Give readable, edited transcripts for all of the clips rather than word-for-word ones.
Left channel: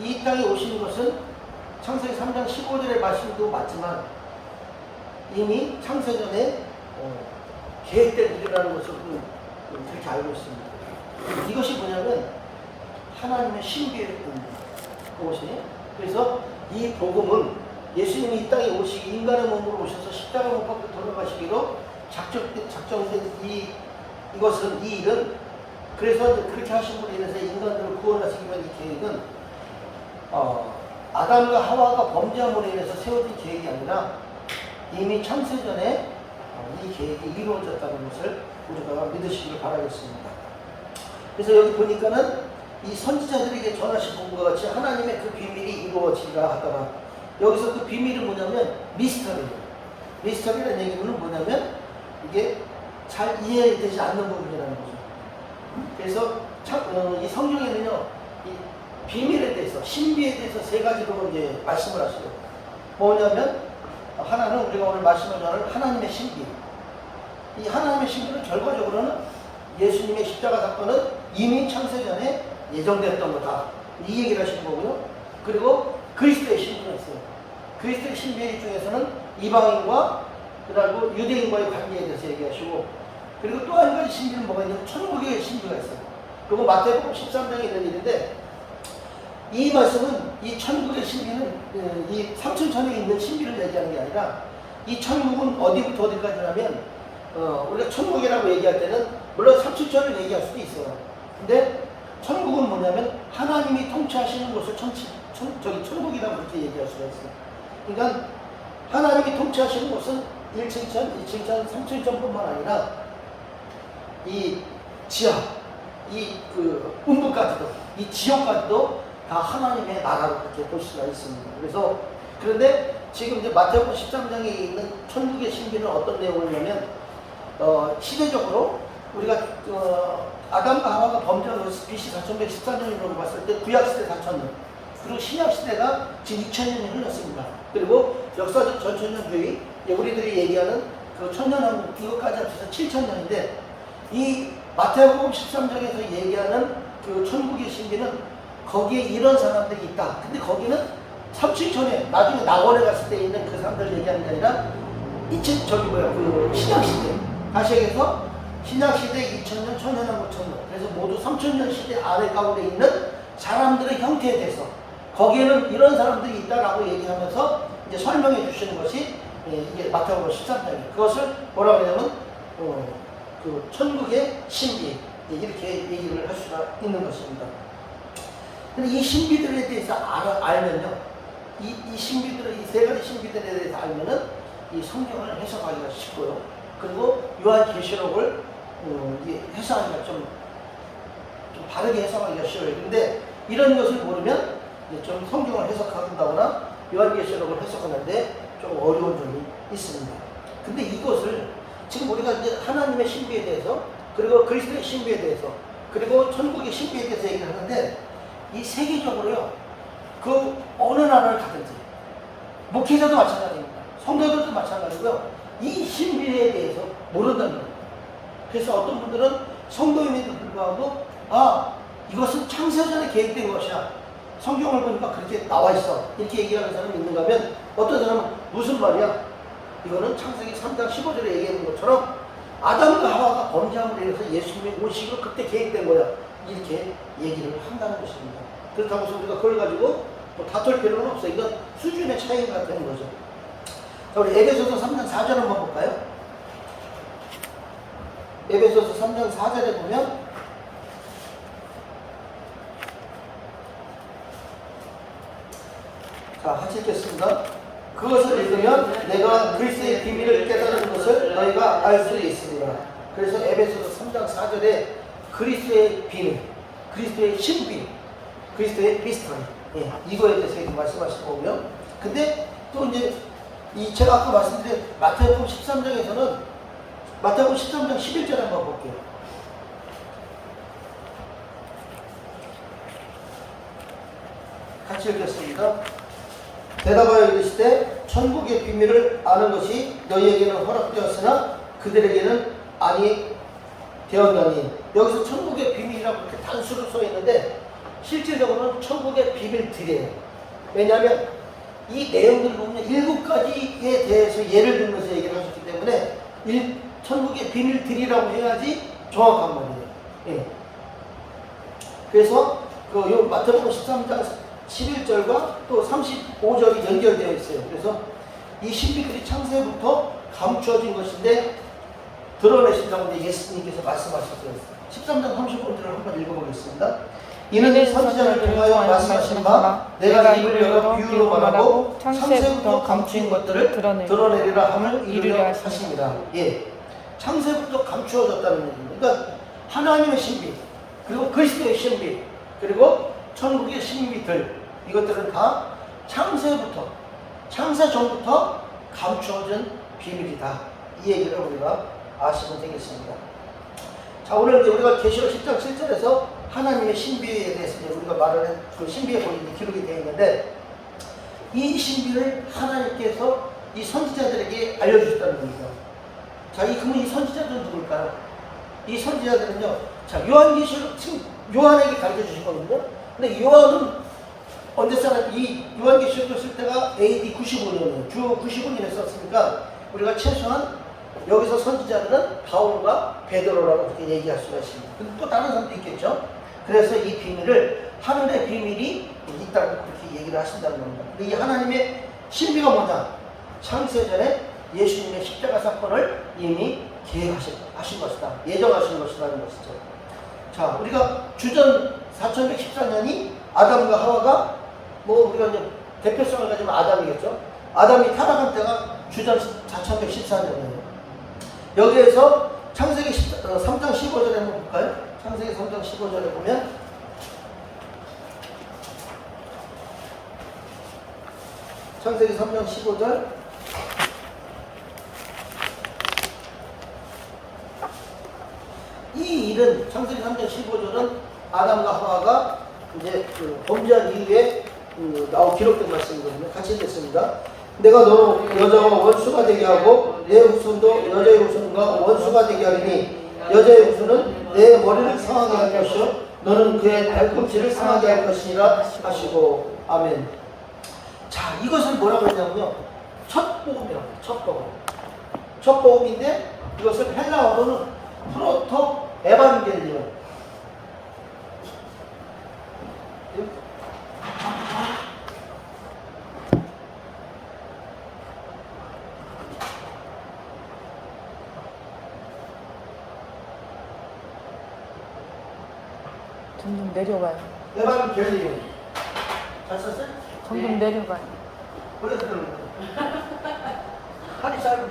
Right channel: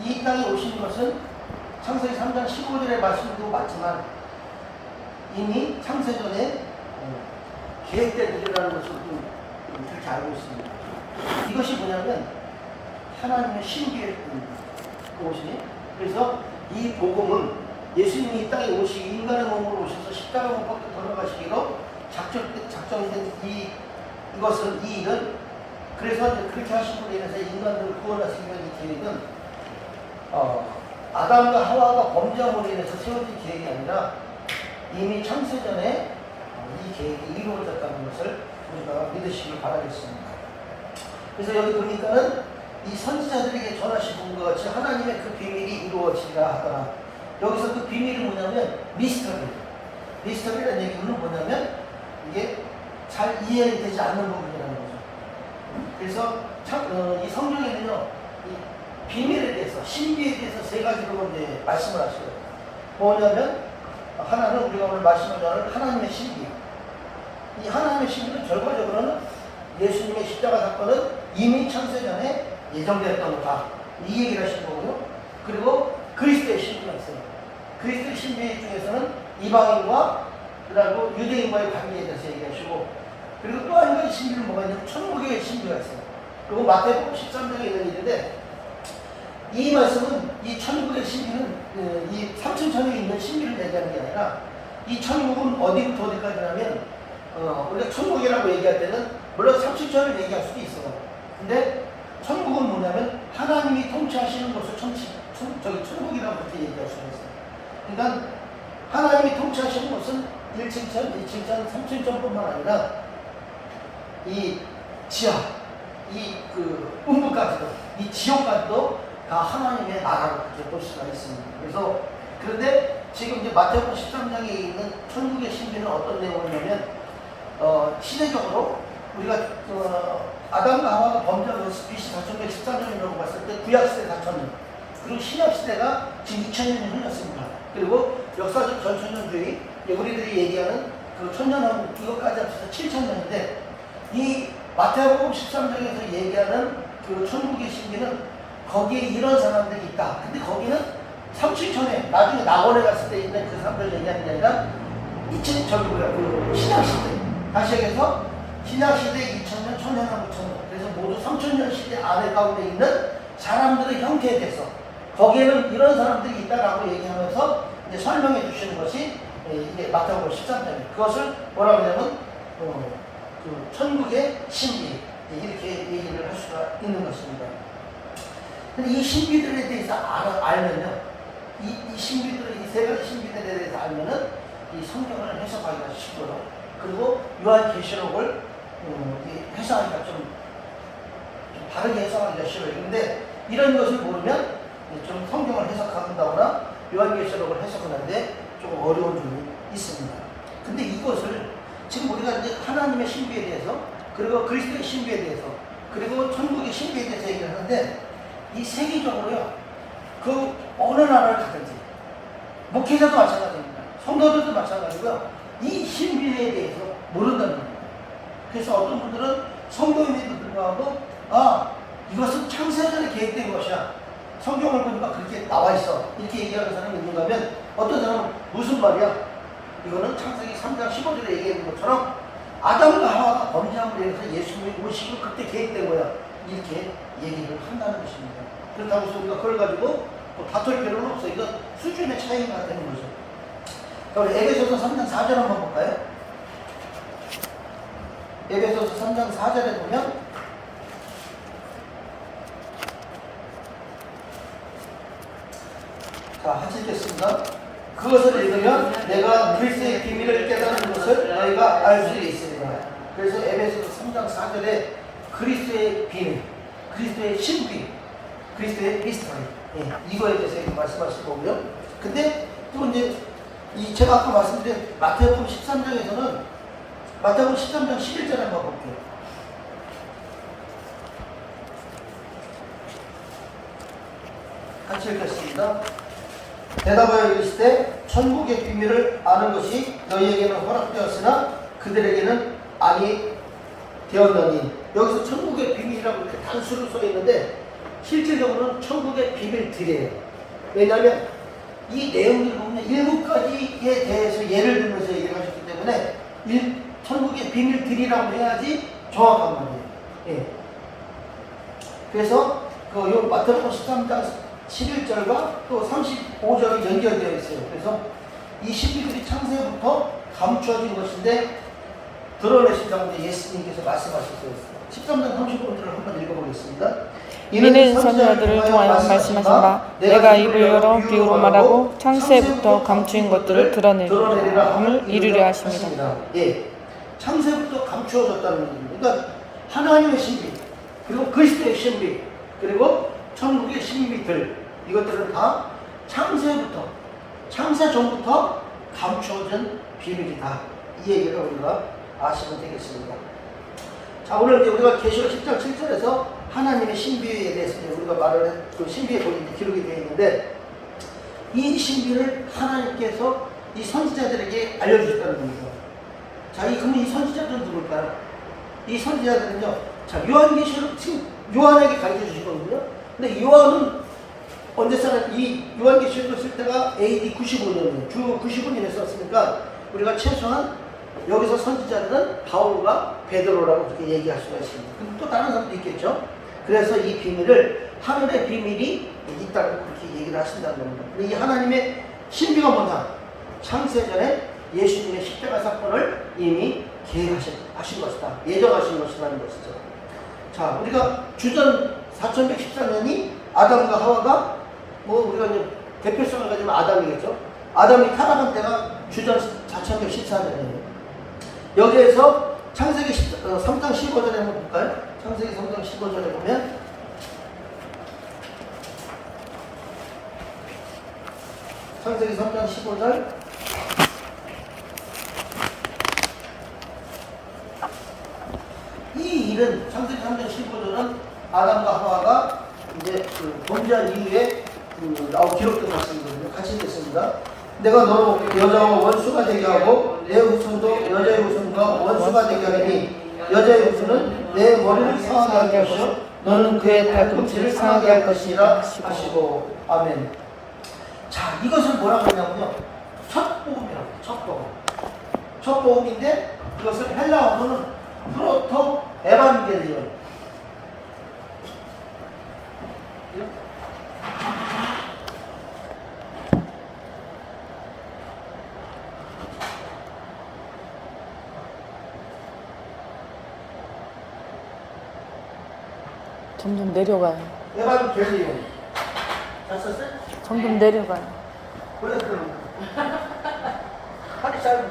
이 땅에 오신 것은 창세기 3장 15절의 말씀도 맞지만 이미 창세전에 계획된 일이라는 것을 그렇게 알고 있습니다. 이것이 뭐냐면 하나님의 신비의 복음이에요. 그래서 이 복음은 예수님이 이 땅에 오시기 인간의 몸으로 오셔서 십자가 못 박고 돌아가시기로 작정된 이것은 이 일은 그래서 이제 그렇게 하신 분에 인해서 인간들을 구원하시기 위한 이 계획은 아담과 하와가 범죄함으로 인해서 세워진 계획이 아니라 이미 창세전에 이 계획이 이루어졌다는 것을 우리가 믿으시길 바라겠습니다. 그래서 여기 보니까는 이 선지자들에게 전하신 것과 같이 하나님의 그 비밀이 이루어지라 하더라. 여기서 그 비밀이 뭐냐면 미스터리예요. 미스터리라는 얘기는 뭐냐면 이게 잘 이해되지 않는 부분이라는 거죠. 그래서 이 성경에는요, 이 비밀에 대해서, 신비에 대해서 세 가지로 이제 말씀을 하시고, 뭐냐면 하나는 우리가 오늘 말씀을 나눌 하나님의 신비. 이 하나님의 신비는 결과적으로는 예수님의 십자가 사건은 이미 창세전에 예정되었던 거다. 이 얘기를 하신 거고요. 그리고 그리스도의 신비가 있어요. 그리스도의 신비 중에서는 이방인과 그리고 유대인과의 관계에 대해서 얘기하시고, 그리고 또 한 가지 신비는 뭐가 있냐면 천국의 신비가 있어요. 그리고 마태복음 13장에 있는 일인데, 이 말씀은 이 천국의 신비는 이 삼천천에 있는 신비를 얘기하는 게 아니라 이 천국은 어디부터 어디까지냐면 우리가 천국이라고 얘기할 때는 물론 삼천천을 얘기할 수도 있어요. 근데 천국은 뭐냐면 하나님이 통치하시는 곳을 천국이라고 그렇게 얘기할 수가 있어요. 그러니까 하나님이 통치하시는 곳은 1층천, 2층천, 3층천뿐만 아니라 이 지하, 이 음부까지도, 이 지옥까지도 다 하나님의 나라로 그렇게 볼 수가 있습니다. 그래서 그런데 지금 이제 마태복음 13장에 있는 천국의 신비는 어떤 내용이냐면 시대적으로 우리가 아담과 하와가 범죄한 BC 4114년이라고 봤을 때 구약시대 4000년, 그리고 신약시대가 지금 2000년이 흘렀습니다. 그리고 역사적 전천년주의, 우리들이 얘기하는 그 천년왕국 이것까지 합쳐서 7000년인데, 이 마태복음 13장에서 얘기하는 그 천국의 신비는 거기에 이런 사람들이 있다. 근데 거기는 37천에 나중에 낙원에 갔을 때 있는 그 사람들 얘기하는 게 아니라 신약시대, 다시 얘기해서 신약시대 2000년, 1000년, 5000년, 그래서 모두 3000년 시대 안에 가운데 있는 사람들의 형태에 대해서 거기에는 이런 사람들이 있다라고 얘기하면서 이제 설명해 주시는 것이 이게 마태복음 13장이에요. 그것을 뭐라고 하냐면 그 천국의 신비, 이렇게 얘기를 할 수가 있는 것입니다. 근데 이 신비들에 대해서 알면요, 이 신비들을, 이 세 가지 신비들에 대해서 알면은 이 성경을 해석하기가 쉽고요. 그리고 요한계시록을 해석하기가 좀 바르게 해석하기가 쉬워요. 그런데 이런 것을 모르면 좀 성경을 해석한다거나 요한계시록을 해석하는데 좀 어려운 점이 있습니다. 근데 이것을 지금 우리가 이제 하나님의 신비에 대해서, 그리고 그리스도의 신비에 대해서, 그리고 천국의 신비에 대해서 얘기를 하는데, 이 세계적으로요, 그 어느 나라를 가든지, 목회자도 마찬가지입니다. 성도들도 마찬가지고요, 이 신비에 대해서 모른다는 겁니다. 그래서 어떤 분들은 성도임에도 불구하고, 이것은 창세전에 계획된 것이야, 성경을 보니까 그렇게 나와 있어, 이렇게 얘기하는 사람이 있는가 하면, 어떤 사람은 무슨 말이야? 이거는 창세기 3장 15절에 얘기하는 것처럼 아담과 하와가 범죄함으로 인해서 예수님이 오시고 그때 계획된 거야, 이렇게 얘기를 한다는 것입니다. 그렇다고 해서 우리가 그걸 가지고 다툴 필요는 없어요. 이건 수준의 차이가 되는 거죠. 그럼 에베소서 3장 4절 한번 볼까요? 에베소서 3장 4절에 보면 자, 같이 읽겠습니다. 그것을 읽으면 내가 그리스도의 비밀을 깨닫는 것을 너희가 알 수 있으리라. 그래서 에베소서 3장 4절에 그리스도의 비밀, 그리스도의 신비, 그리스도의 미스터리, 이거에 대해서 말씀하실 거고요. 근데 또 이제 제가 아까 말씀드린 마태복음 13장에서는 마태복음 13장 11절 한번 볼게요. 같이 읽겠습니다. 대답하여 이르시되 천국의 비밀을 아는 것이 너희에게는 허락되었으나 그들에게는 아니 되었나니. 여기서 천국의 비밀이라고 이렇게 단수로 써 있는데 실질적으로는 천국의 비밀들이에요. 왜냐하면 이 내용들을 보면 7가지에 대해서 예를 들면서 얘기를 하셨기 때문에 천국의 비밀들이라고 해야지 정확한 말이에요. 예. 그래서 요 마태복음 13장 11절과 또 35절이 연결되어 있어요. 그래서 이 신비들이 창세부터 감추어진 것인데 드러내신다고 예수님께서 말씀하셨어요. 13장 35절을 한번 읽어보겠습니다. 이는 선지자들을 통하여 말씀하신 바 내가 입을 열어 비유로 말하고 창세부터 감추인 것들을 드러내리라 함을 이루려 하십니다. 예, 창세부터 감추어졌다는 얘기입니다. 그러니까 하나님의 신비, 그리고 그리스도의 신비, 그리고 천국의 신비들, 이것들은 다 창세부터, 창세 전부터 감추어진 비밀이다. 이 얘기를 우리가 아시면 되겠습니다. 자, 오늘 이제 우리가 계시록 10장 7절에서 하나님의 신비에 대해서 우리가 말을 그 신비에 보이는 기록이 되어 있는데, 이 신비를 하나님께서 이 선지자들에게 알려주셨다는 얘기죠. 자, 그러면 이 선지자들은 누굴까요? 이 선지자들은요, 자, 요한에게 가르쳐 주신 거거든요. 근데 요한은 언제 이 요한계시록을 쓸 때가 AD 95년이에요. 주 95년에 썼으니까 우리가 최소한 여기서 선지자들은 바울과 베드로라고 그렇게 얘기할 수가 있습니다. 또 다른 사람도 있겠죠. 그래서 이 비밀을 하늘의 비밀이 있다고 그렇게 얘기를 하신다는 겁니다. 이 하나님의 신비가 뭐냐? 창세전에 예수님의 십자가 사건을 이미 계획하신 것이다. 예정하신 것이라는 것이죠. 자, 우리가 주전 4114년이 아담과 하와가 우리가 이제 대표성을 가지면 아담이겠죠. 아담이 타락한 때가 주전 4114년이에요. 여기에서 창세기 3장 15절에 한번 볼까요? 창세기 3장 15절에 보면 창세기 3장 15절 이 일은 창세기 3장 15절은 아담과 하와가 이제 범죄한 이후에 기록된 말씀이거든요. 같이 읽겠습니다. 내가 너로 여자와 원수가 되게 하고 내 후손도 여자의 후손과 원수가 되게 하리니 여자의 후손은 내 머리를 상하게 할 것이요 너는 그의 발꿈치를 상하게 할 것이라 하시고 아멘. 자, 이것을 뭐라고 하냐면요, 첫 복음이라고 해요. 첫 복음. 첫 복음인데 이것을 헬라어로는 프로토 에반게리온. 점점 내려가요. 에반게리온. 잘 썼어요? 점점 내려가요. 원래 그러는 하기 짧은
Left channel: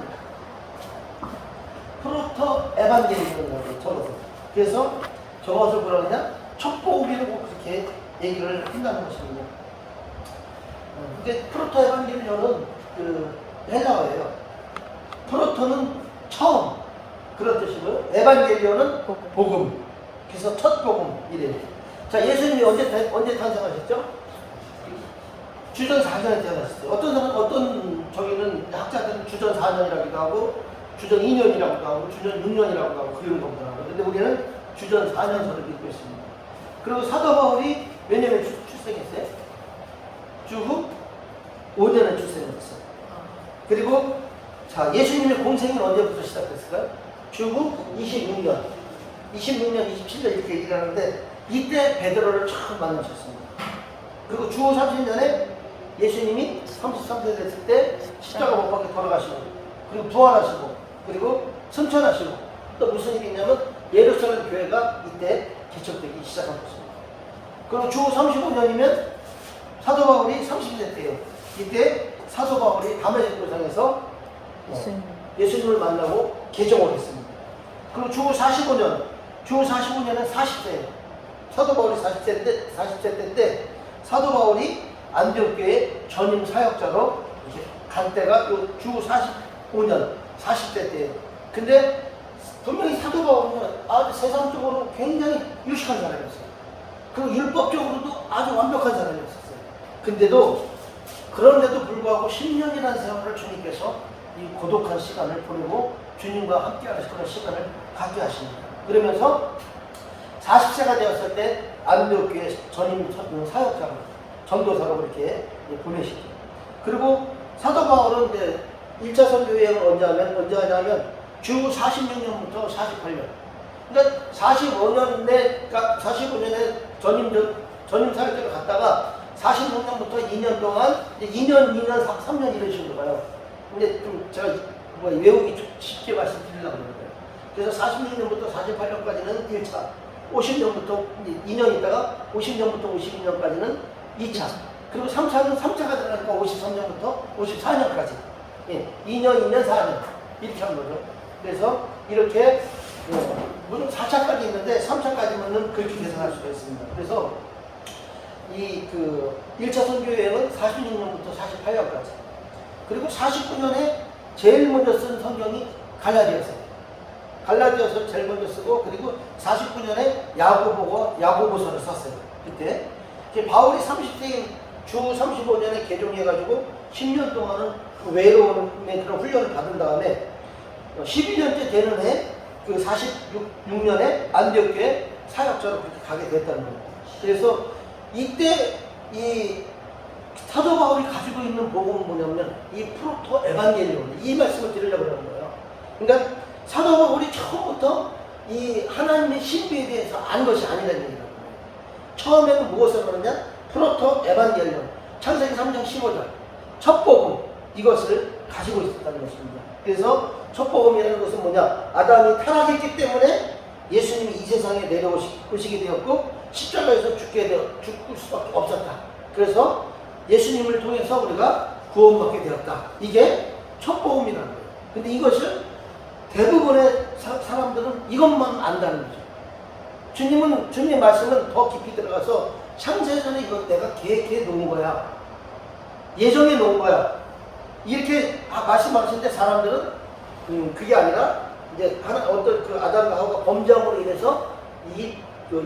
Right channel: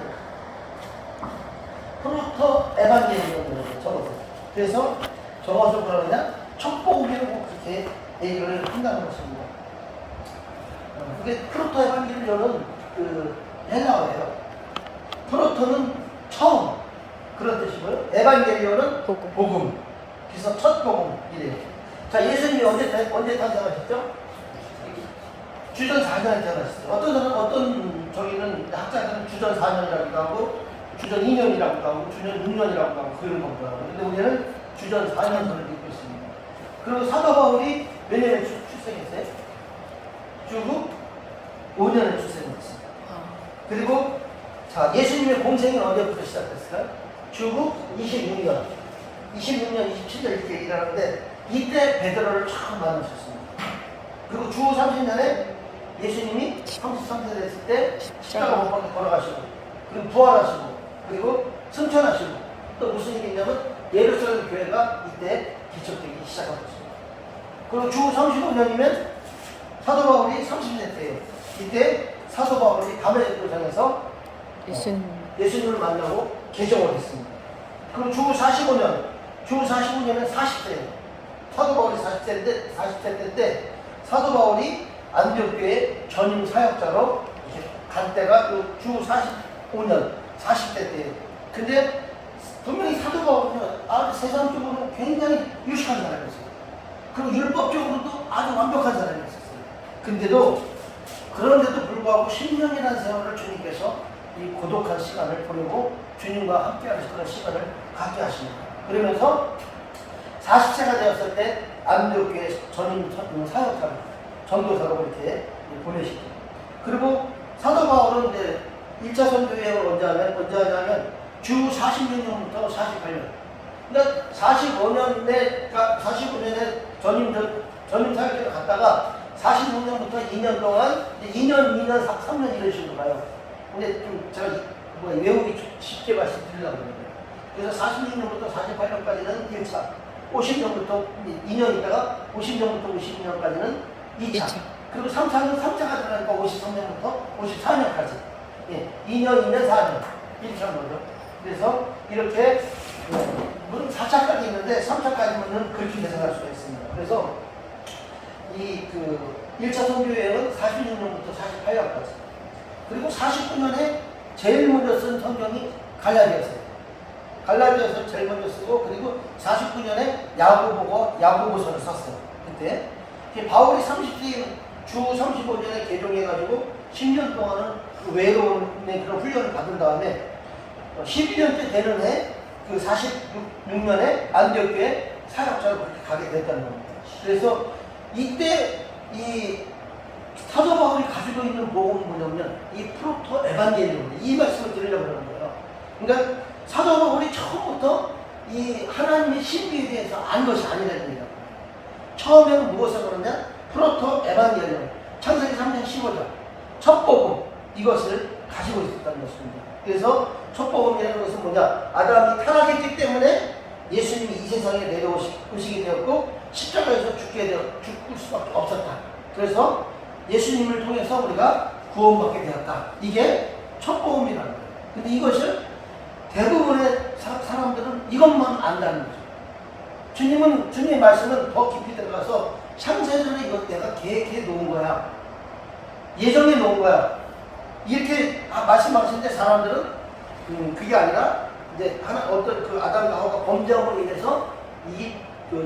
프로토 에반게리온이라고 적었어요. 그래서 저것을 뭐라 그러냐? 첫 복음이라고 그렇게 얘기를 한다는 것입니다. 근데 프로토 에반게리온은 헬라어예요. 프로토는 처음 그런 뜻이고요. 에반게리온은 복음. 그래서 첫 복음이래요. 자, 예수님이 언제 탄생하셨죠? 주전 4년에 태어났어요. 어떤 저기는 학자들은 주전 4년이라고도 하고 주전 2년이라고도 하고 주전 6년이라고도 하고 그런 겁니다. 근데 우리는 주전 4년을 믿고 있습니다. 그리고 사도 바울이 몇 년에 출생했어요? 주후 5년에 출생했어요. 그리고 자, 예수님의 공생은 언제부터 시작됐을까요? 주후 26년, 27년 이렇게 얘기를 하는데 이때 베드로를 처음 만나셨습니다. 그리고 주후 30년에 예수님이 33세 됐을 때 십자가 못 박혀 돌아가시고 그리고 부활하시고 그리고 승천하시고 또 무슨 얘기냐면 예루살렘 교회가 이때 개척되기 시작한 것입니다. 그리고 주후 35년이면 사도 바울이 30년 때예요. 이때 사도 바울이 담에색 도상에서 예수님을 만나고 개종을 했습니다. 그리고 주후 45년은 40세예요. 사도 바울이 40세 때 사도 바울이 안디옥교회 전임 사역자로 이렇게 간 때가 주후 45년 40대 때예요. 근데 분명히 사도 바울은 아주 세상적으로 굉장히 유식한 사람이었어요. 그리고 율법적으로도 아주 완벽한 사람이었어요. 그런데도 불구하고 10년이라는 세월을 주님께서 이 고독한 시간을 보내고 주님과 함께 하실 그런 시간을 갖게 하십니다. 그러면서 40세가 되었을 때 안디옥교회 전임 사역자로 전도사로 이렇게 보내시죠. 그리고 사도 바울은 이제 1차 선교여행을 언제 하냐면 주 46년부터 48년. 그러니까 45년에 전임 사역자를 갔다가 46년부터 2년 동안 2년, 3년 이런 식으로 가요. 근데 좀 제가 외우기 쉽게 말씀드리려고 합니다. 그래서 46년부터 48년까지는 1차, 50년부터 2년 있다가 50년부터 52년까지는 2차. 그리고 3차는 3차가 들어가니까 53년부터 54년까지. 예, 2년, 4년. 이렇게 하는 거죠. 그래서 이렇게, 물론 4차까지 있는데 3차까지는 그렇게 계산할 수가 있습니다. 그래서 1차 선교여행은 46년부터 48년까지. 그리고 49년에 제일 먼저 쓴 성경이 갈라디아서예요. 갈라디아서 제일 먼저 쓰고, 그리고 49년에 야고보서를 썼어요. 그때. 바울이 30세 주 35년에 개종해가지고 10년 동안은 외로운 그런 훈련을 받은 다음에 12년째 되는 해, 46년에 안디옥교회 사역자로 그렇게 가게 됐다는 겁니다. 그래서 이때 이 사도 바울이 가지고 있는 복음은 뭐냐면 이 프로토 에반게리온, 이 말씀을 드리려고 하는 거예요. 그러니까 사도 바울이 처음부터 이 하나님의 신비에 대해서 안 것이 아니라는 얘기예요. 처음에는 무엇을 하느냐? 프로토 에반게리온, 창세기 3장 15절 첫 복음, 이것을 가지고 있었다는 것입니다. 그래서 첫 복음이라는 것은 뭐냐? 아담이 타락했기 때문에 예수님이 이 세상에 내려오시게 되었고 십자가에서 죽을 수밖에 없었다. 그래서 예수님을 통해서 우리가 구원받게 되었다. 이게 첫 복음이라는 거예요. 근데 이것을 대부분의 사람들은 이것만 안다는 거죠. 주님의 말씀은 더 깊이 들어가서 창세전에 이것 내가 계획해 놓은 거야. 예정해 놓은 거야. 이렇게 말씀하시는데 사람들은 그게 아니라 이제 어떤 아담과 하와가 범죄함으로 인해서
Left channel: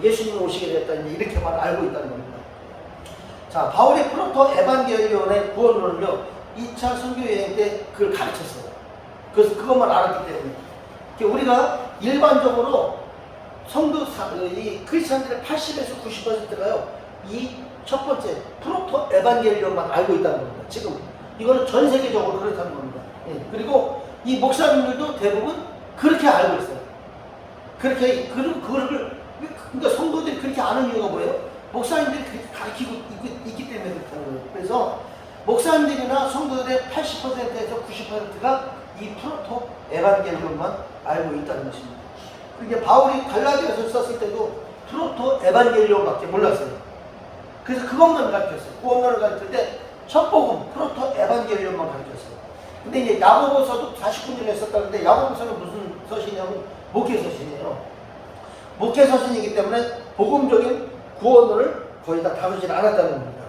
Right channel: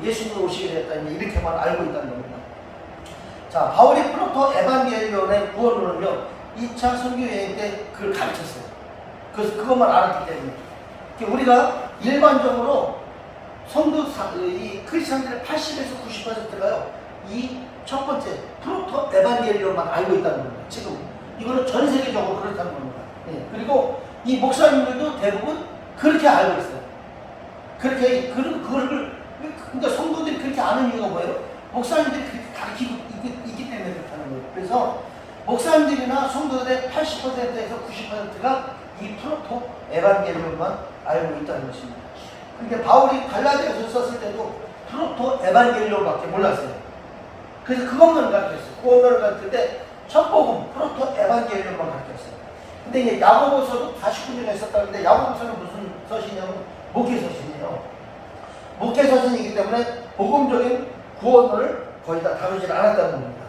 예수님이 오시게 됐다. 이렇게만 알고 있다는 겁니다. 자, 바울이 프로토 에반게리온의 구원론을요, 2차 선교여행 때 그걸 가르쳤어요. 그래서 그것만 알았기 때문에. 우리가 일반적으로 이 크리스천들의 80에서 90%가요, 이 첫 번째 프로토 에반게리온만 알고 있다는 겁니다. 지금 이거는 전 세계적으로 그렇다는 겁니다. 예. 그리고 이 목사님들도 대부분 그렇게 알고 있어요. 그러니까 성도들이 그렇게 아는 이유가 뭐예요? 목사님들이 그렇게 가르치고 있기 때문에 그렇다는 거예요. 그래서 목사님들이나 성도들의 80%에서 90%가 이 프로토 에반게리온만 알고 있다는 것입니다. 그러니까 바울이 갈라디아서 썼을 때도 프로토 에반게리온밖에 몰랐어요. 그래서 그것만 가르쳤어요. 구원론을 가르칠 때 첫 복음 프로토 에반게리온만 가르쳤어요. 근데 이제 야고보서도 49년에 썼다는데 야고보서는 무슨 서신이냐면 목회서신이에요. 목회서신이기 때문에 복음적인 구원론을 거의 다 다루지 않았다는 겁니다.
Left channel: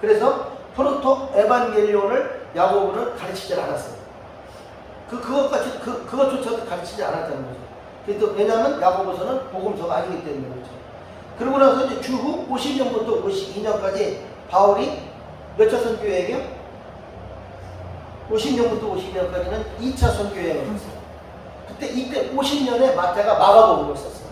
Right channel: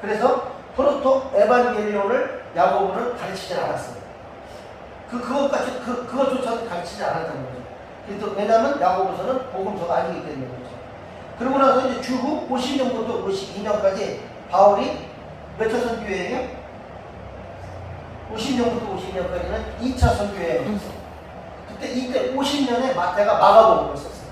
그래서 프로토 에반게리온을 야고보는 가르치지 않았어요. 그것조차도 가르치지 않았다는 거죠. 그래서 왜냐하면 야고보서는 복음서가 아니기 때문에 그렇죠. 그러고 나서 이제 주후 50년부터 52년까지 바울이 몇 차 선교여행이요? 50년부터 52년까지는 2차 선교여행이었어요. 이때 50년에 마태가 마가복음을 썼어요.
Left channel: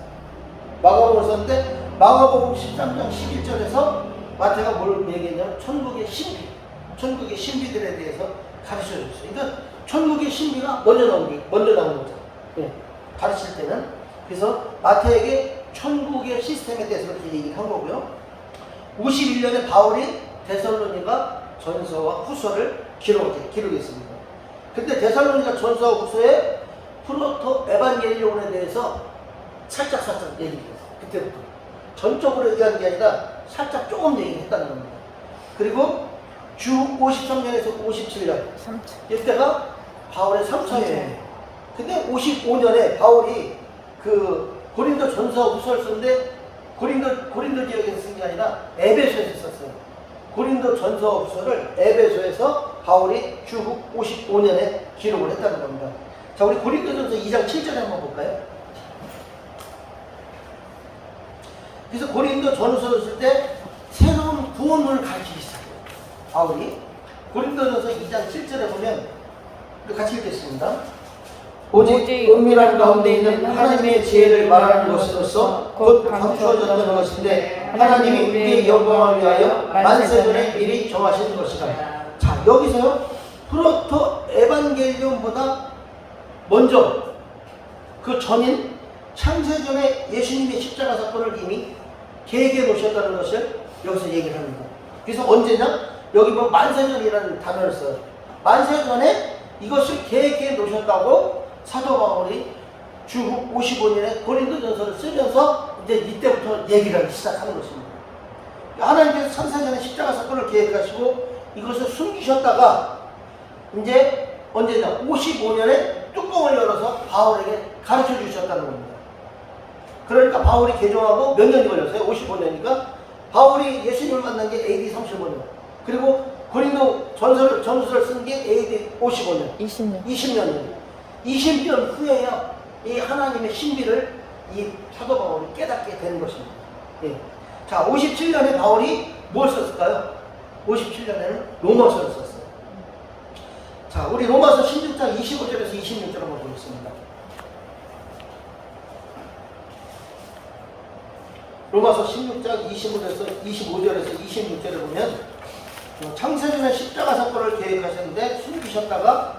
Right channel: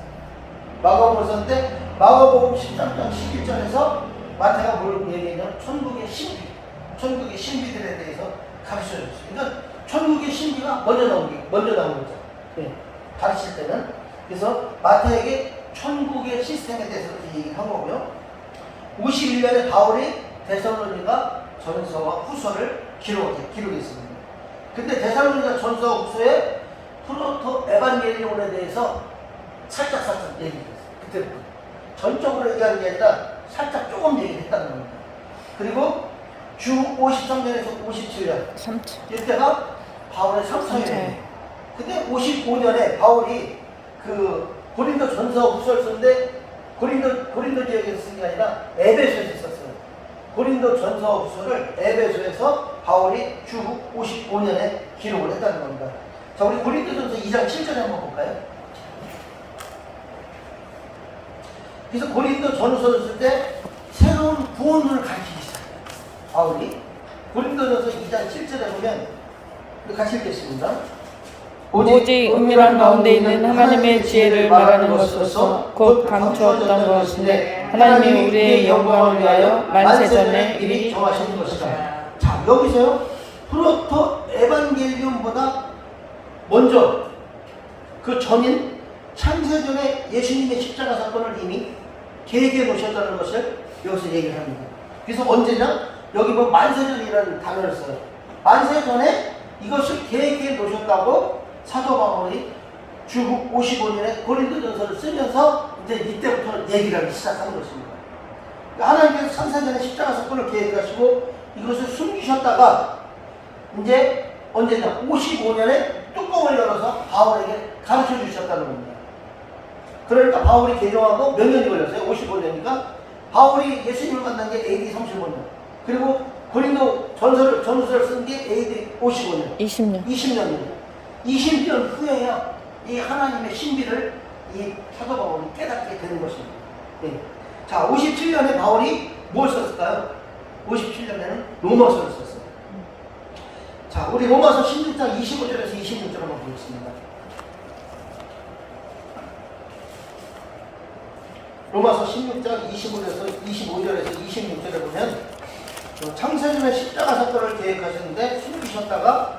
마가복음을 썼는데 마가복음 13장 11절에서 마태가 뭘 얘기했냐면 천국의 신비들에 대해서 가르쳐줬어요. 그러니까 천국의 신비가 먼저 나온 거죠. 예, 가르칠 때는. 그래서 마태에게 천국의 시스템에 대해서 그렇게 얘기한 거고요. 51년에 바울이 데살로니가 전서와 후서를 기록했습니다. 근데 데살로니가 전서와 후서에 프로토 에반게리온에 대해서 살짝 얘기했어요. 그때부터. 전적으로 얘기하는 게 아니라 살짝 조금 얘기했다는 겁니다. 그리고 주 53년에서 57년. 이때가 바울의 3차여행. 근데 55년에 바울이 고린도 전서 후서를 썼는데 고린도 지역에서 쓴 게 아니라 에베소에서 썼어요. 고린도 전서 후서를 에베소에서 바울이 주 55년에 기록을 했다는 겁니다. 자, 우리 고린도 전서 2장 7절에 한번 볼까요? 그래서 고린도 전서를 쓸 때 새로운 구원을 가르치기 시작해요. 바울이 고린도 전서 2장 7절에 보면 같이 읽겠습니다. 오직 은밀한 가운데 있는 하나님의 지혜를 말하는 것으로서 곧 감추었던 것인데 하나님이 우리의 영광을 위하여 만세전에 미리 정하신 것이다. 자, 여기서 프로토 에반게리온보다 먼저 그 전인 창세전에 예수님의 십자가 사건을 이미 계획해 놓으셨다는 것을 여기서 얘기를 합니다. 그래서 언제냐? 여기 뭐 만세전이라는 단어를 써요. 만세전에 이것을 계획해 놓으셨다고 사도 바울이 주후 55년에 고린도전서를 쓰면서 이제 이때부터 얘기를 하기 시작하는 것입니다. 하나님께서 창세전에 십자가 사건을 계획하시고 이것을 숨기셨다가 이제 언제냐? 55년에 뚜껑을 열어서 바울에게 가르쳐 주셨다는 겁니다. 그러니까 바울이 개종하고 몇 년이 걸렸어요? 55년이니까 바울이 예수님을 만난 게 AD 35년, 그리고 고린도 전서를 쓴 게 AD 55년, 20년 20년 후에야 이 하나님의 신비를 이 사도 바울이 깨닫게 되는 것입니다. 예. 자, 57년에 바울이 뭘 썼을까요? 57년에는 로마서를 썼어요. 자, 우리 로마서 16장 25절에서 26절 한번 보겠습니다. 로마서 16장 25절에서 26절에 보면 창세전에 십자가 사건을 계획하셨는데 숨기셨다가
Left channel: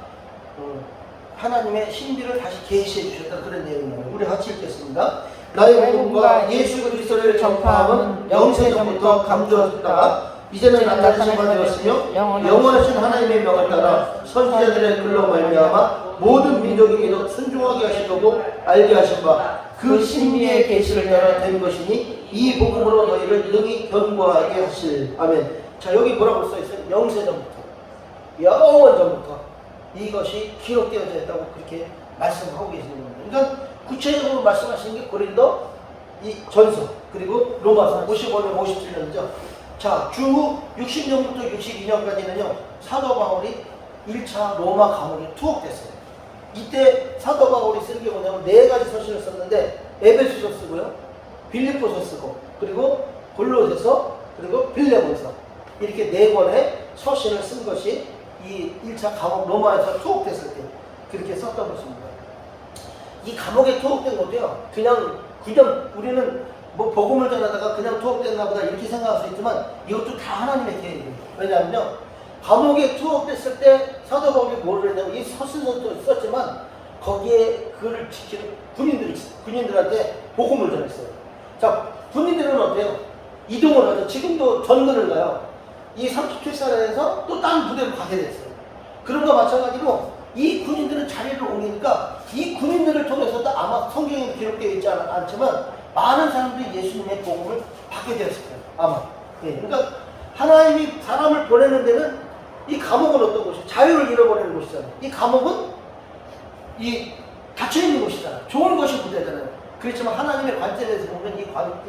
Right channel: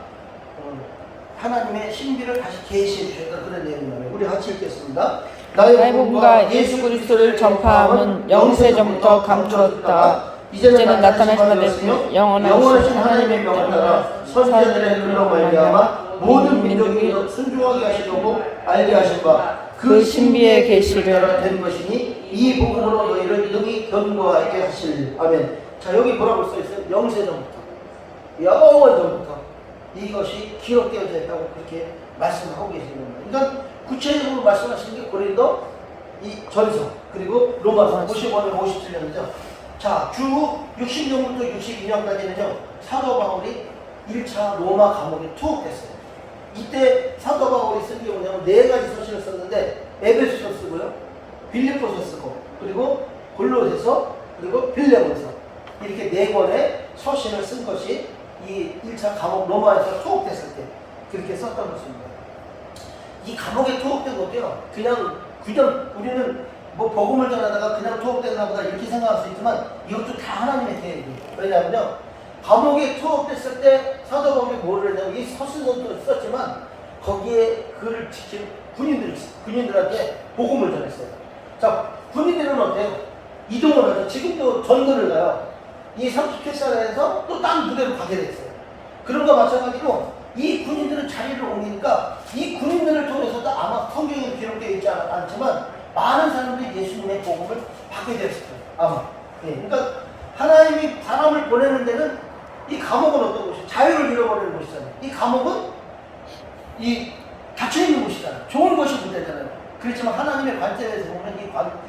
하나님의 신비를 다시 계시해 주셨던 그런 내용입니다. 우리 같이 읽겠습니다. 나의 복음과 예수 그리스도를 전파함은 영세전부터 감추었다가 이제는 나타나신 바 되었으며 영원하신 하나님의 명을 따라 선지자들의 글로 말미암아 모든 민족이 순종하게 하시려고 알게 하신 바 그 신비의 계시를 된 것이니 이 복음으로 너희를 능히 견고하게 하실. 아멘. 자, 여기 뭐라고 써있어요? 영세전부터, 영원전부터 이것이 기록되어져 있다고 그렇게 말씀하고 계시는 겁니다. 그러니까 구체적으로 말씀하시는 게 고린도 이 전서, 그리고 로마서 55년, 57년이죠. 자, 주후 60년부터 62년까지는요, 사도 바울이 1차 로마 감옥에 투옥됐어요. 이때 사도 바울이 쓴 게 뭐냐면 4가지 서신을 썼는데, 에베소서 쓰고요, 빌립보서 쓰고, 그리고 골로새서, 그리고 빌레몬서, 이렇게 4권의 서신을 쓴 것이 이 1차 감옥 로마에서 투옥됐을 때 그렇게 썼던 것입니다. 이 감옥에 투옥된 것도요, 그냥 우리는 뭐 복음을 전하다가 그냥 투옥됐나 보다 이렇게 생각할 수 있지만 이것도 다 하나님의 계획이에요. 왜냐하면요, 감옥에 투옥됐을 때 사도 바울이 뭐를 했냐면 이 서신도 썼지만 거기에 그를 지키는 군인들한테 복음을 전했어요. 자, 군인들은 어때요? 이동을 하죠. 지금도 전도를 가요. 이 37사에서 또 다른 부대로 가게 됐어요. 그런 거 마찬가지로 이 군인들은 자리를 옮기니까 이 군인들을 통해서도 아마 성경에 기록되어 있지 않지만 많은 사람들이 예수님의 복음을 받게 되었을 거예요. 아마. 예. 그러니까 하나님이 사람을 보내는 데는 이 감옥은 어떤 곳이에요? 자유를 잃어버리는 곳이잖아요. 이 감옥은 이 닫혀있는 곳이잖아요. 좋은 것이 문제잖아요. 그렇지만 하나님의 관점에서 보면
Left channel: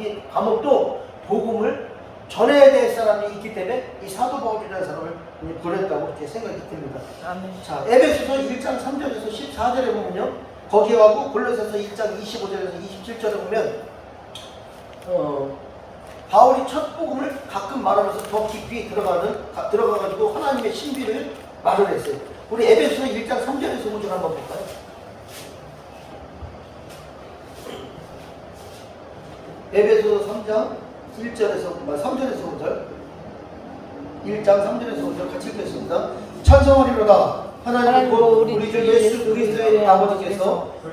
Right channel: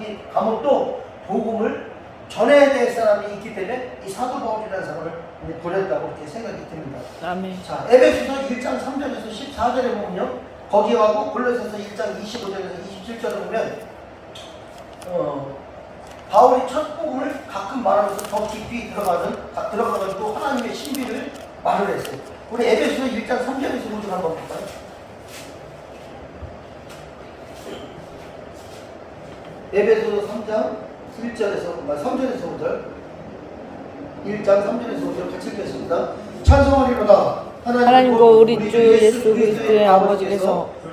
이 감옥도 복음을 전해야 될 사람이 있기 때문에 이 사도 바울이라는 사람을 보냈다고 이렇게 생각이 듭니다. 아멘. 자, 에베소서 1장 3절에서 14절에 보면요, 거기하고 골로새서 1장 25절에서 27절에 보면 바울이 첫 복음을 가끔 말하면서 더 깊이 들어가가지고 하나님의 신비를 말을 했어요. 우리 에베소서 1장 3절에서 5절 한번 볼까요? 에베소서 3장 3절에서 5절, 1장 3절에서 5절 같이 읽겠습니다. 찬송하리로다. 하나님과 우리 주 예수 그리스도의 아버지께서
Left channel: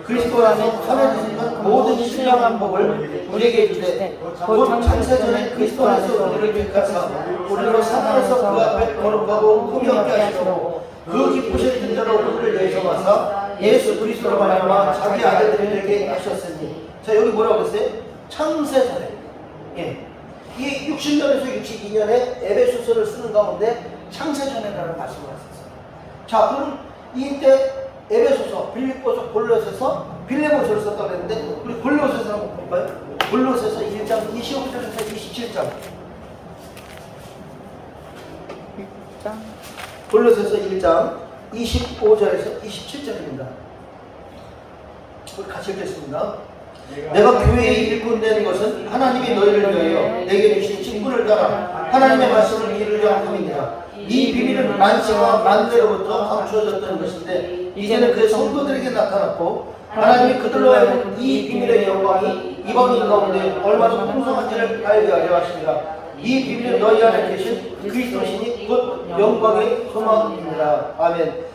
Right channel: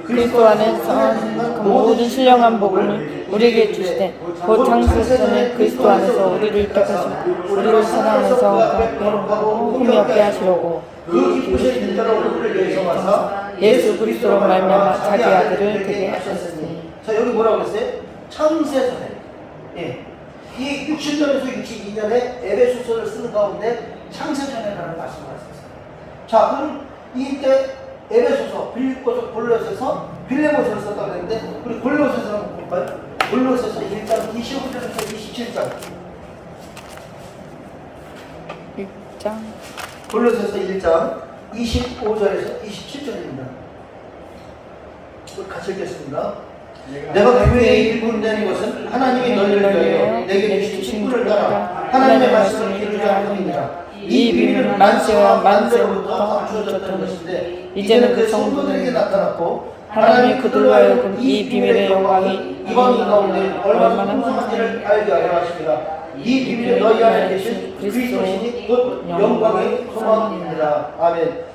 그리스도 안에 살아계시는 모든 신령한 복을 우리에게 주시되 곧 창세전에 그리스도 안에서 우리를 택하사 우리로 하나님께서 그 앞에 거룩하고 풍요롭게 하시고 그 기쁘신 일자로 우리를 내성하사 예수 그리스도로 말미암아 자기 아들들을 되게 하셨으니. 자, 여기 뭐라고 그랬어요? 창세전에, 예, 이 60년에서 62년에 에베소서를 쓰는 가운데 창세전에라는 말씀을 하셨어요. 자, 그럼 이때 에베소서, 빌립보서, 골로새서, 빌레몬서를 썼다고 했는데 우리 골로새서 한번 볼까요? 골로새서 1장 25절에서 27절. 골로새서 1장 25절에서 27절입니다. 우리 같이 읽겠습니다. 내가 교회에 일꾼된 것은 하나님이 너희를 위하여 내게 주신 직분을 따라 하나님의 말씀을 이루려 함이니라. 이 비밀은 만세와 만세로부터 감추어졌던 것인데 이제는 그 성도들에게 나타났고 하나님이 그들로 하여금 이 비밀의 영광이 이방인 가운데 얼마나 풍성한지를 알게 하려 하시니라. 이 비밀은 너희 안에 계신 그리스도시니 곧 영광의 소망이니라. 아멘.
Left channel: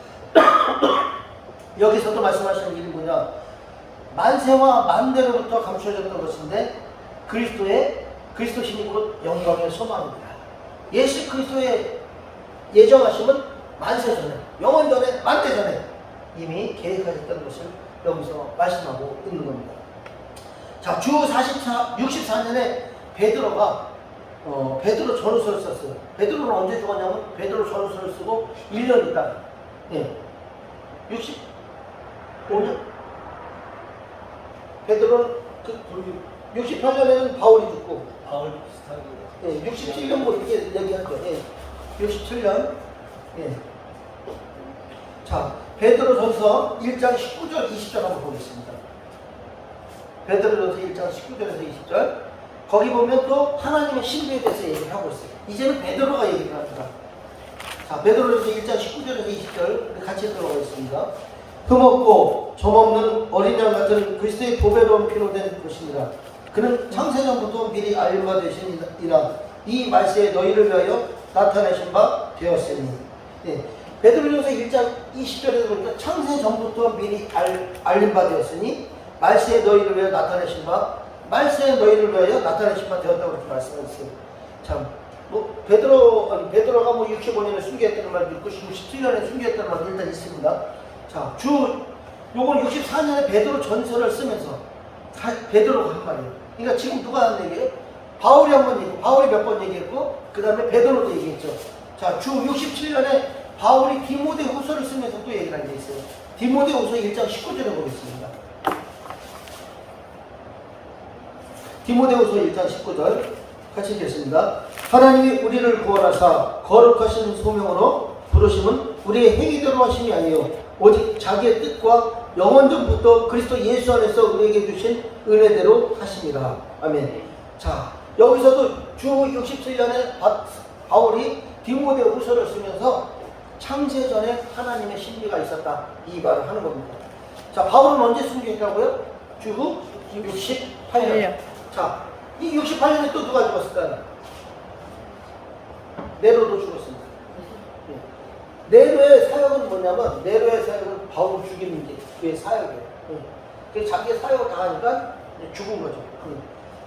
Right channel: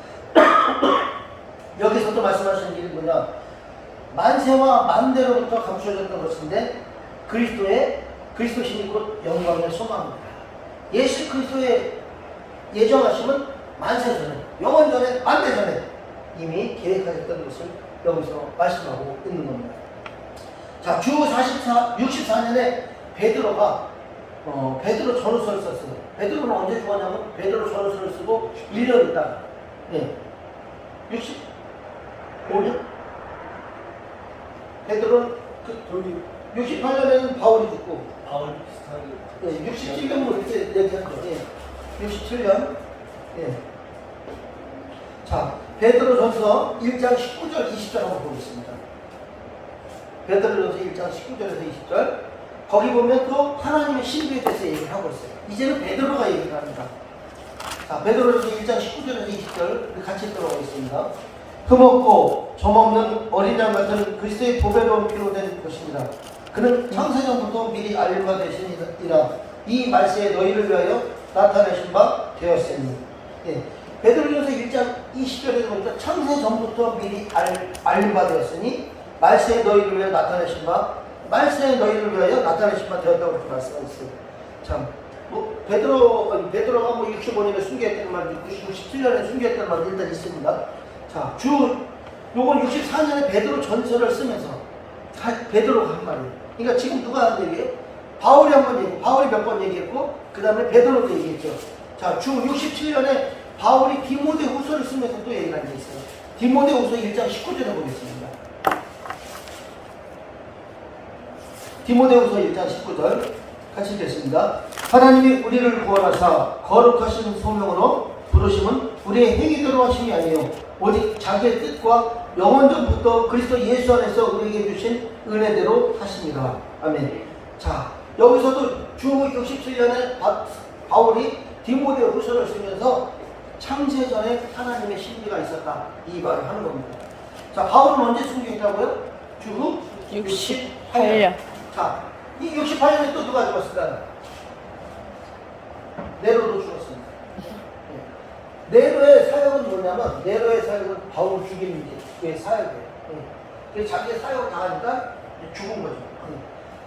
여기서도 말씀하시는 일이 뭐냐, 만세와 만대로부터 감추어졌던 것인데 그리스도시니 곧 영광의 소망입니다. 예수 그리스도의 예정하심은 만세 전에, 영원 전에, 만대 전에 이미 계획하셨던 것을 여기서 말씀하고 있는 겁니다. 자, 주 64년에 베드로가 베드로 전후서를 썼어요. 베드로는 언제 죽었냐면 베드로 전후서를 쓰고 1년 있다. 예. 65년? 베드로는 68년에는 바울이 죽고 바울 비슷하게. 예, 67년 뭐 이렇게 얘기한 거예요. 예. 67년. 예. 자, 베드로전서 1장 19절 20절 한번 보겠습니다. 베드로전서 1장 19절에서 20절. 거기 보면 또 하나님의 신비에 대해서 얘기를 하고 있어요. 이제는 베드로가 얘기를 합니다. 자, 베드로전서 1장 19절에서 20절 같이 들어가겠습니다. 흠없고 점없는 어린 양 같은 그리스도의 보배로운 피로 된 것입니다. 그는 창세전부터 미리 알림 바 되시니라. 이 말세에 너희를 위하여 나타내신 바 되었으니. 예. 베드로전서 1장 20절에 보니까 창세전부터 미리 알림 바 되었으니 말세에 너희를 위하여 나타내신 바, 말세에 너희를 위하여 나타내신 바 되었다고 이렇게 말씀하셨어요. 참, 뭐 베드로가 뭐 65년에 순교했다는 말도 있고 67년에 순교했다는 말도 일단 있습니다. 자, 요건 64년에 베드로 전서를 쓰면서 베드로가 한 말이에요. 그러니까 지금 누가 하는 얘기예요? 바울이 한 번 얘기했고, 바울이 몇 번 얘기했고, 그 다음에 베드로도 얘기했죠. 자, 주 67년에 바울이 디모데후서를 쓰면서 또 얘기를 한 게 있어요. 디모데후서 1장 19절에 보겠습니다. 디모데후서 1장 19절 같이 읽겠습니다. 하나님이 우리를 구원하사 거룩하신 소명으로 부르심은 우리의 행위대로 하심이 아니요 오직 자기의 뜻과 영원전부터 그리스도 예수 안에서 우리에게 주신 은혜대로 하십니다. 아멘. 자, 여기서도 주 67년에 바울이 디모데후서를 쓰면서 창세전에 하나님의 신비가 있었다, 이 말을 하는 겁니다. 자, 바울은 언제 순교했다고요? 주 68년. 자, 이 68년에 또 누가 죽었을까요? 네로도 죽었습니다. 네로의 사역은 뭐냐면, 네로의 사역은 바울 죽이는 게 사역이에요. 그래서 자기의 사역을 다 하니까 죽은 거죠.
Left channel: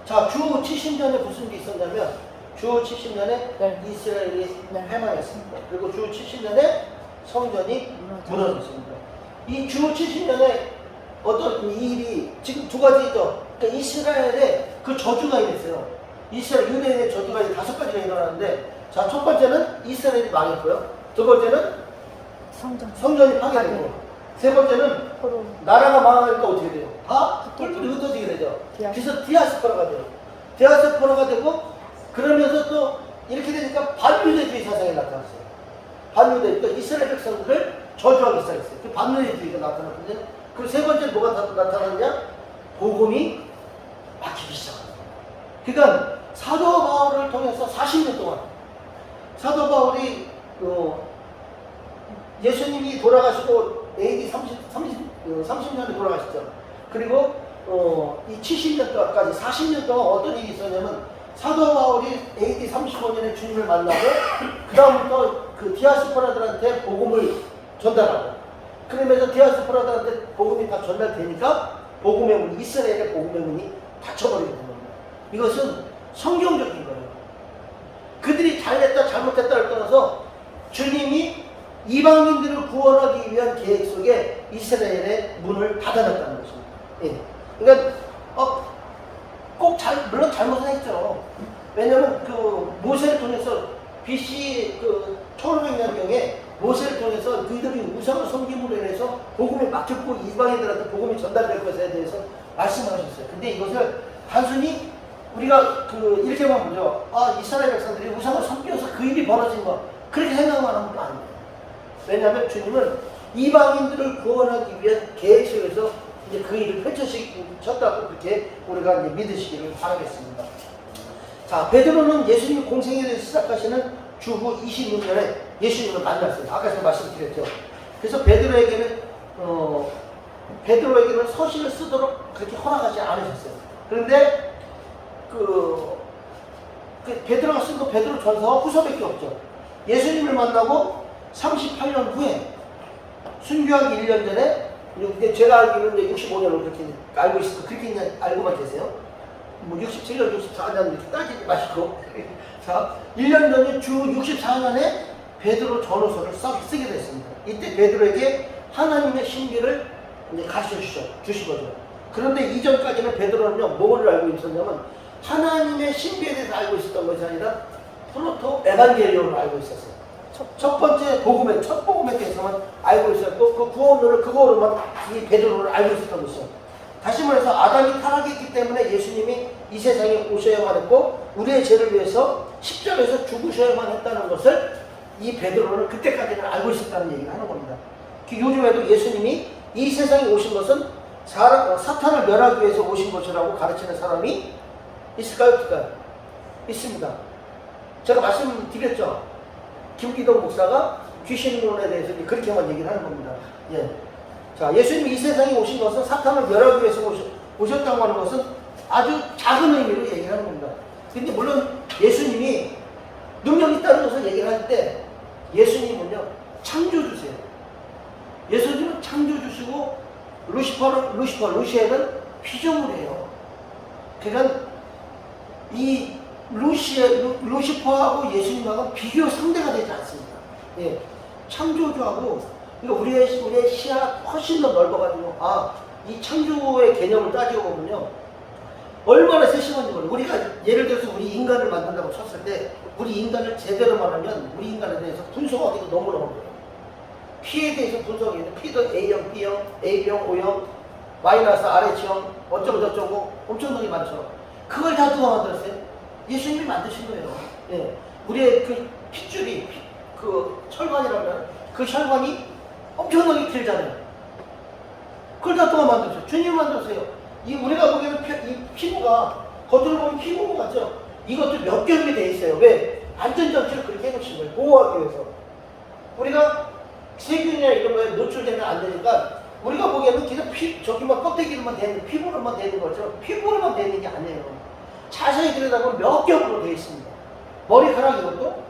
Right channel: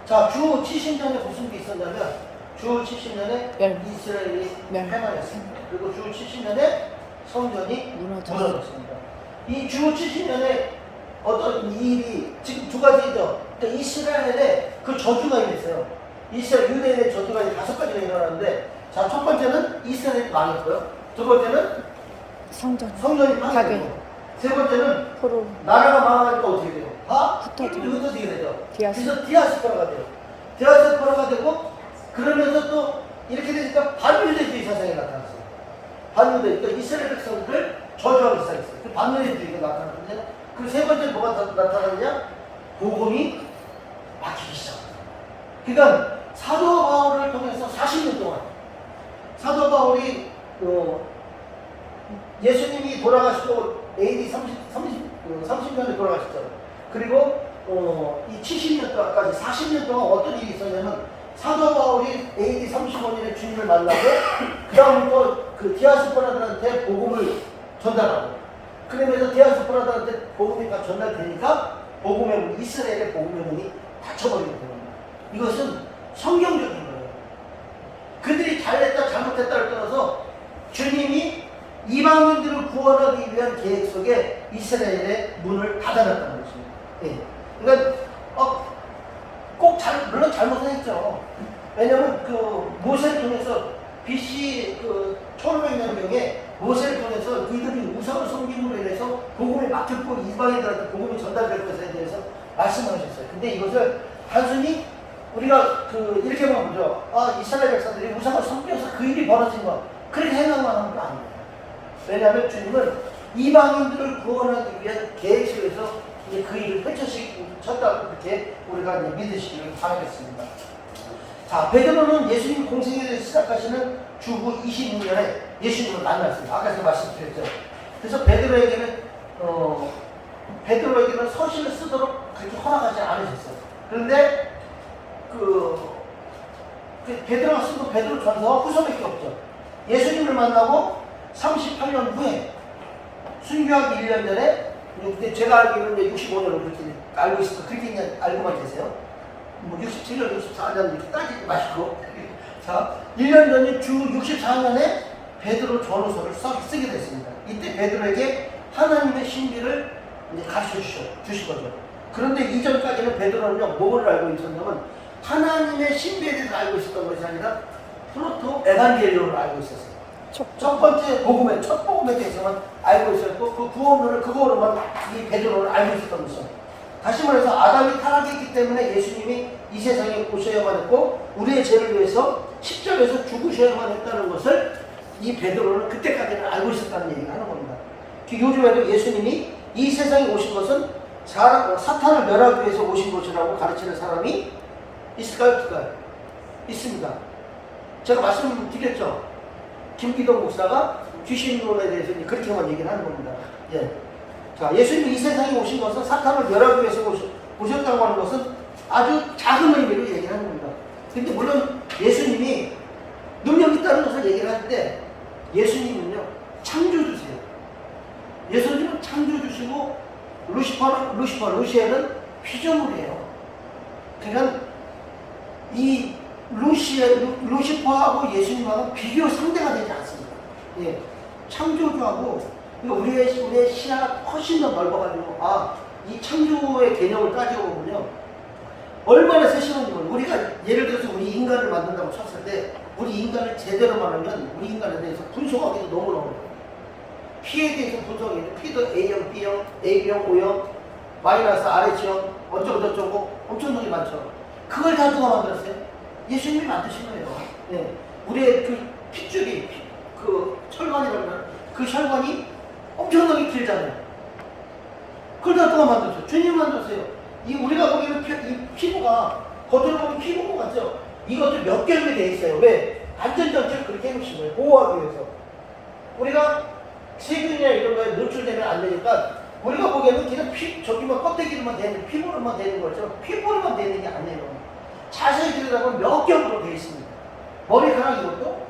자, 주 70년에 무슨 일이 있었냐면, 주 70년에 이스라엘이 패망했습니다. 그리고 주 70년에 성전이 무너졌습니다. 이 주 70년에 어떤 일이 지금 두 가지죠. 그러니까 이스라엘에 그 저주가 일어났어요. 이스라엘 유대인의 저주가 5가지가 일어났는데, 자, 첫 번째는 이스라엘이 망했고요. 두 번째는 성전이 파괴되고, 세 번째는 나라가 망하니까 어떻게 돼요? 흩어지게 되죠. 그래서 디아스포라가 돼요. 디아스포라가 되고, 그러면서 또 이렇게 되니까 반유대주의 사상이 나타났어요. 반유대, 그러니까 이스라엘 백성들을 저주하기 시작했어요. 그 반유대주의가 나타났거든요. 그리고 세 번째 뭐가 나타났냐? 복음이 막히기 시작합니다. 그러니까 사도 바울을 통해서 40년 동안 사도 바울이 예수님이 돌아가시고 AD 30년에 돌아가셨죠. 그리고 이 70년까지 40년 동안 어떤 일이 있었냐면, 사도 바울이 AD 35년에 주님을 만나고 그 다음부터 그 디아스포라들한테 복음을 전달하고, 그러면서 디아스포라들한테 복음이 다 전달되니까 복음의 문, 이스라엘의 복음의 문이 닫혀버리는 겁니다. 이것은 성경적인 거예요. 그들이 잘했다 잘못했다를 떠나서 주님이 이방인들을 구원하기 위한 계획 속에 이스라엘의 문을 닫아놨다는 것입니다. 예. 그러니까 물론 잘못은 했죠. 왜냐하면 그 모세를 통해서 BC 1500년경에 모세를 통해서 그들이 우상을 섬김으로 인해서 복음이 막혔고 이방인들한테 복음이 전달될 것에 대해서 말씀하셨어요. 근데 이것을 단순히 우리가 이렇게만 보죠. 이스라엘 백성들이 우상을 섬겨서 그 일이 벌어진 거, 그렇게 생각만 하는 건 아니에요. 왜냐하면 주님은 이방인들을 구원하기 위한 계획 속에서 이제 그 일을 펼쳐졌다고 그렇게 우리가 믿으시기를 바라겠습니다. 자, 베드로는 예수님 공생애를 시작하시는 주후 26년에 예수님을 만났어요. 아까 제가 말씀드렸죠. 그래서 베드로에게는 베드로에게는 서신을 쓰도록 그렇게 허락하지 않으셨어요. 그런데 베드로가 쓴 거 베드로 전서와 후서밖에 없죠. 예수님을 만나고 38년 후에 순교하기 1년 전에, 근데 제가 알기로는 65년을 그렇게 알고 있어서 그렇게 알고만 계세요. 67년, 64년 이렇게 따지지 마시고. 자, 1년 전에 주 64년에 베드로 전후서를 쓰게 됐습니다. 이때 베드로에게 하나님의 신비를 이제 가르쳐 주신 거죠. 그런데 이전까지는 베드로는요, 뭐를 알고 있었냐면 하나님의 신비에 대해서 알고 있었던 것이 아니라 프로토 에반게리온을 알고 있었어요. 첫 번째 복음에, 첫 복음에 대해서만 알고 있었고, 그 구원론을 그거로만 이 베드로는 알고 있었던 것이죠. 다시 말해서 아담이 타락했기 때문에 예수님이 이 세상에 오셔야만 했고, 우리의 죄를 위해서 십자가에서 죽으셔야만 했다는 것을 이 베드로는 그때까지는 알고 있었다는 얘기를 하는 겁니다. 요즘에도 예수님이 이 세상에 오신 것은 사탄을 멸하기 위해서 오신 것이라고 가르치는 사람이 있을까요? 없을까요? 있습니다. 제가 말씀드렸죠. 김기동 목사가 귀신론에 대해서 그렇게만 얘기를 하는 겁니다. 예. 자, 예수님이 이 세상에 오신 것은 사탄을 멸하기 위해서 오셨다고 하는 것은 아주 작은 의미로 얘기를 하는 겁니다. 근데 물론 예수님이 능력이 있다는 것을 얘기를 할 때 예수님은요, 창조주세요. 예수님은 창조주시고 루시엘은 피조물이에요. 그러니까 이 루시퍼하고 예수님하고 비교 상대가 되지 않습니다. 예. 창조주하고 우리의 시야 훨씬 더 넓어가지고, 이 창조의 개념을 따지고 보면요, 얼마나 세심한지 모르겠어요. 우리가 예를 들어서 우리 인간을 만든다고 쳤을 때 우리 인간을 제대로 말하면 우리 인간에 대해서 분석하기도 너무 어려워요. P에 대해서 분석하기도 P도 A형, B형, A형, O형, 마이너스 RH형, 어쩌고 저쩌고 엄청나게 많죠. 그걸 다 누가 만들었어요? 예수님이 만드신 거예요. 네. 우리의 그 핏줄이, 그 혈관이라면 그 혈관이 엄청나게 길잖아요. 그걸 다 누가 만들었어요? 주님이 만들었어요. 우리가 보기에는 이 피부가 겉으로 보면 피부 같죠? 이것도 몇 개월이 돼 있어요. 왜? 안전장치를 그렇게 해놓으신 거예요. 보호하기 위해서. 우리가 세균이나 이런 거에 노출되면 안 되니까 우리가 보기에는 그냥 저기만 껍데기로만 되는, 피부로만 되는 거죠. 피부로만 되는 게 아니에요. 자세히 들여다보면 몇 겹으로 되어 있습니다. 머리카락 이것도.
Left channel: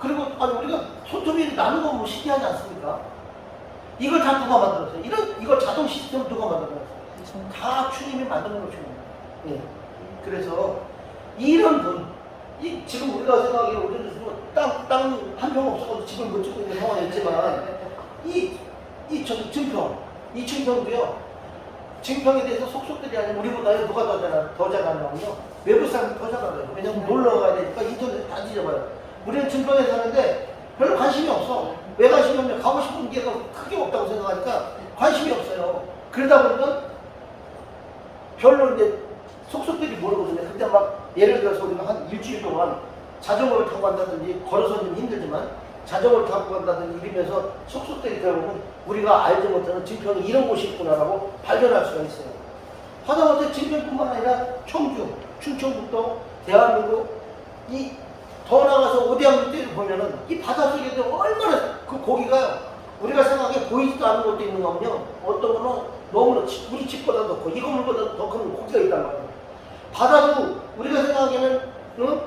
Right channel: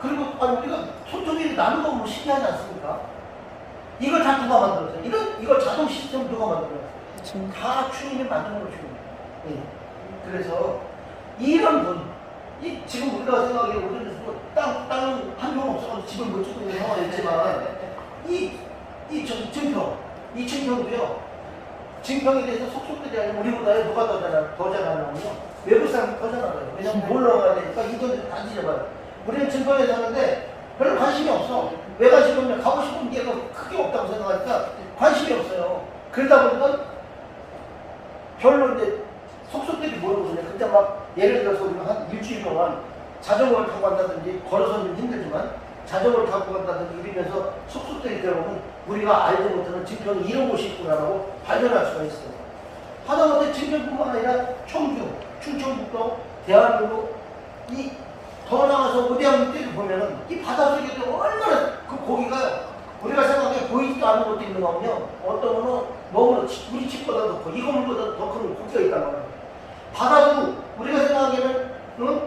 그리고 우리가 손톱이 나는 거 보면 신기하지 않습니까? 이걸 다 누가 만들었어요? 이걸 자동 시스템 누가 만들었어요? 다 주님이 만들어 놓으신 겁니다. 예. 그래서 이런 분, 지금 우리가 생각하기에 땅 한 평 없어서 집을 못 짓고 있는 상황이 있지만, 이 증평도요, 증평에 대해서 속속들이 아니면 우리보다 누가 더 잘하냐면요, 외부 사람이 더 잘하요. 그냥 놀러 가야 되니까 인터넷 다 뒤져봐요. 우리는 증평에 사는데 별로 관심이 없어. 왜 관심이 없냐? 가고 싶은 게가 크게 없다고 생각하니까 관심이 없어요. 그러다 보니까 별로 이제 속속들이 모르거든요. 근데 막 예를 들어서 우리가 한 일주일 동안 자전거를 타고 간다든지 걸어서는 힘들지만 자전거를 타고 간다든지 이러면서 속속들이 들어보면 우리가 알지 못하는 증평이 이런 곳이 있구나라고 발견할 수가 있어요. 하다못해 증평뿐만 아니라 청주, 충청북도, 대한민국, 더 나가서 오대양들을 보면은 이 바닷속에도 얼마나 그 고기가 우리가 생각해 보이지도 않은 것도 있는 거며, 어떤 거는 너무나 우리 집보다 더 커, 이 건물보다 더 큰 고기가 있단 말이에요. 바다도 우리가 생각하기에는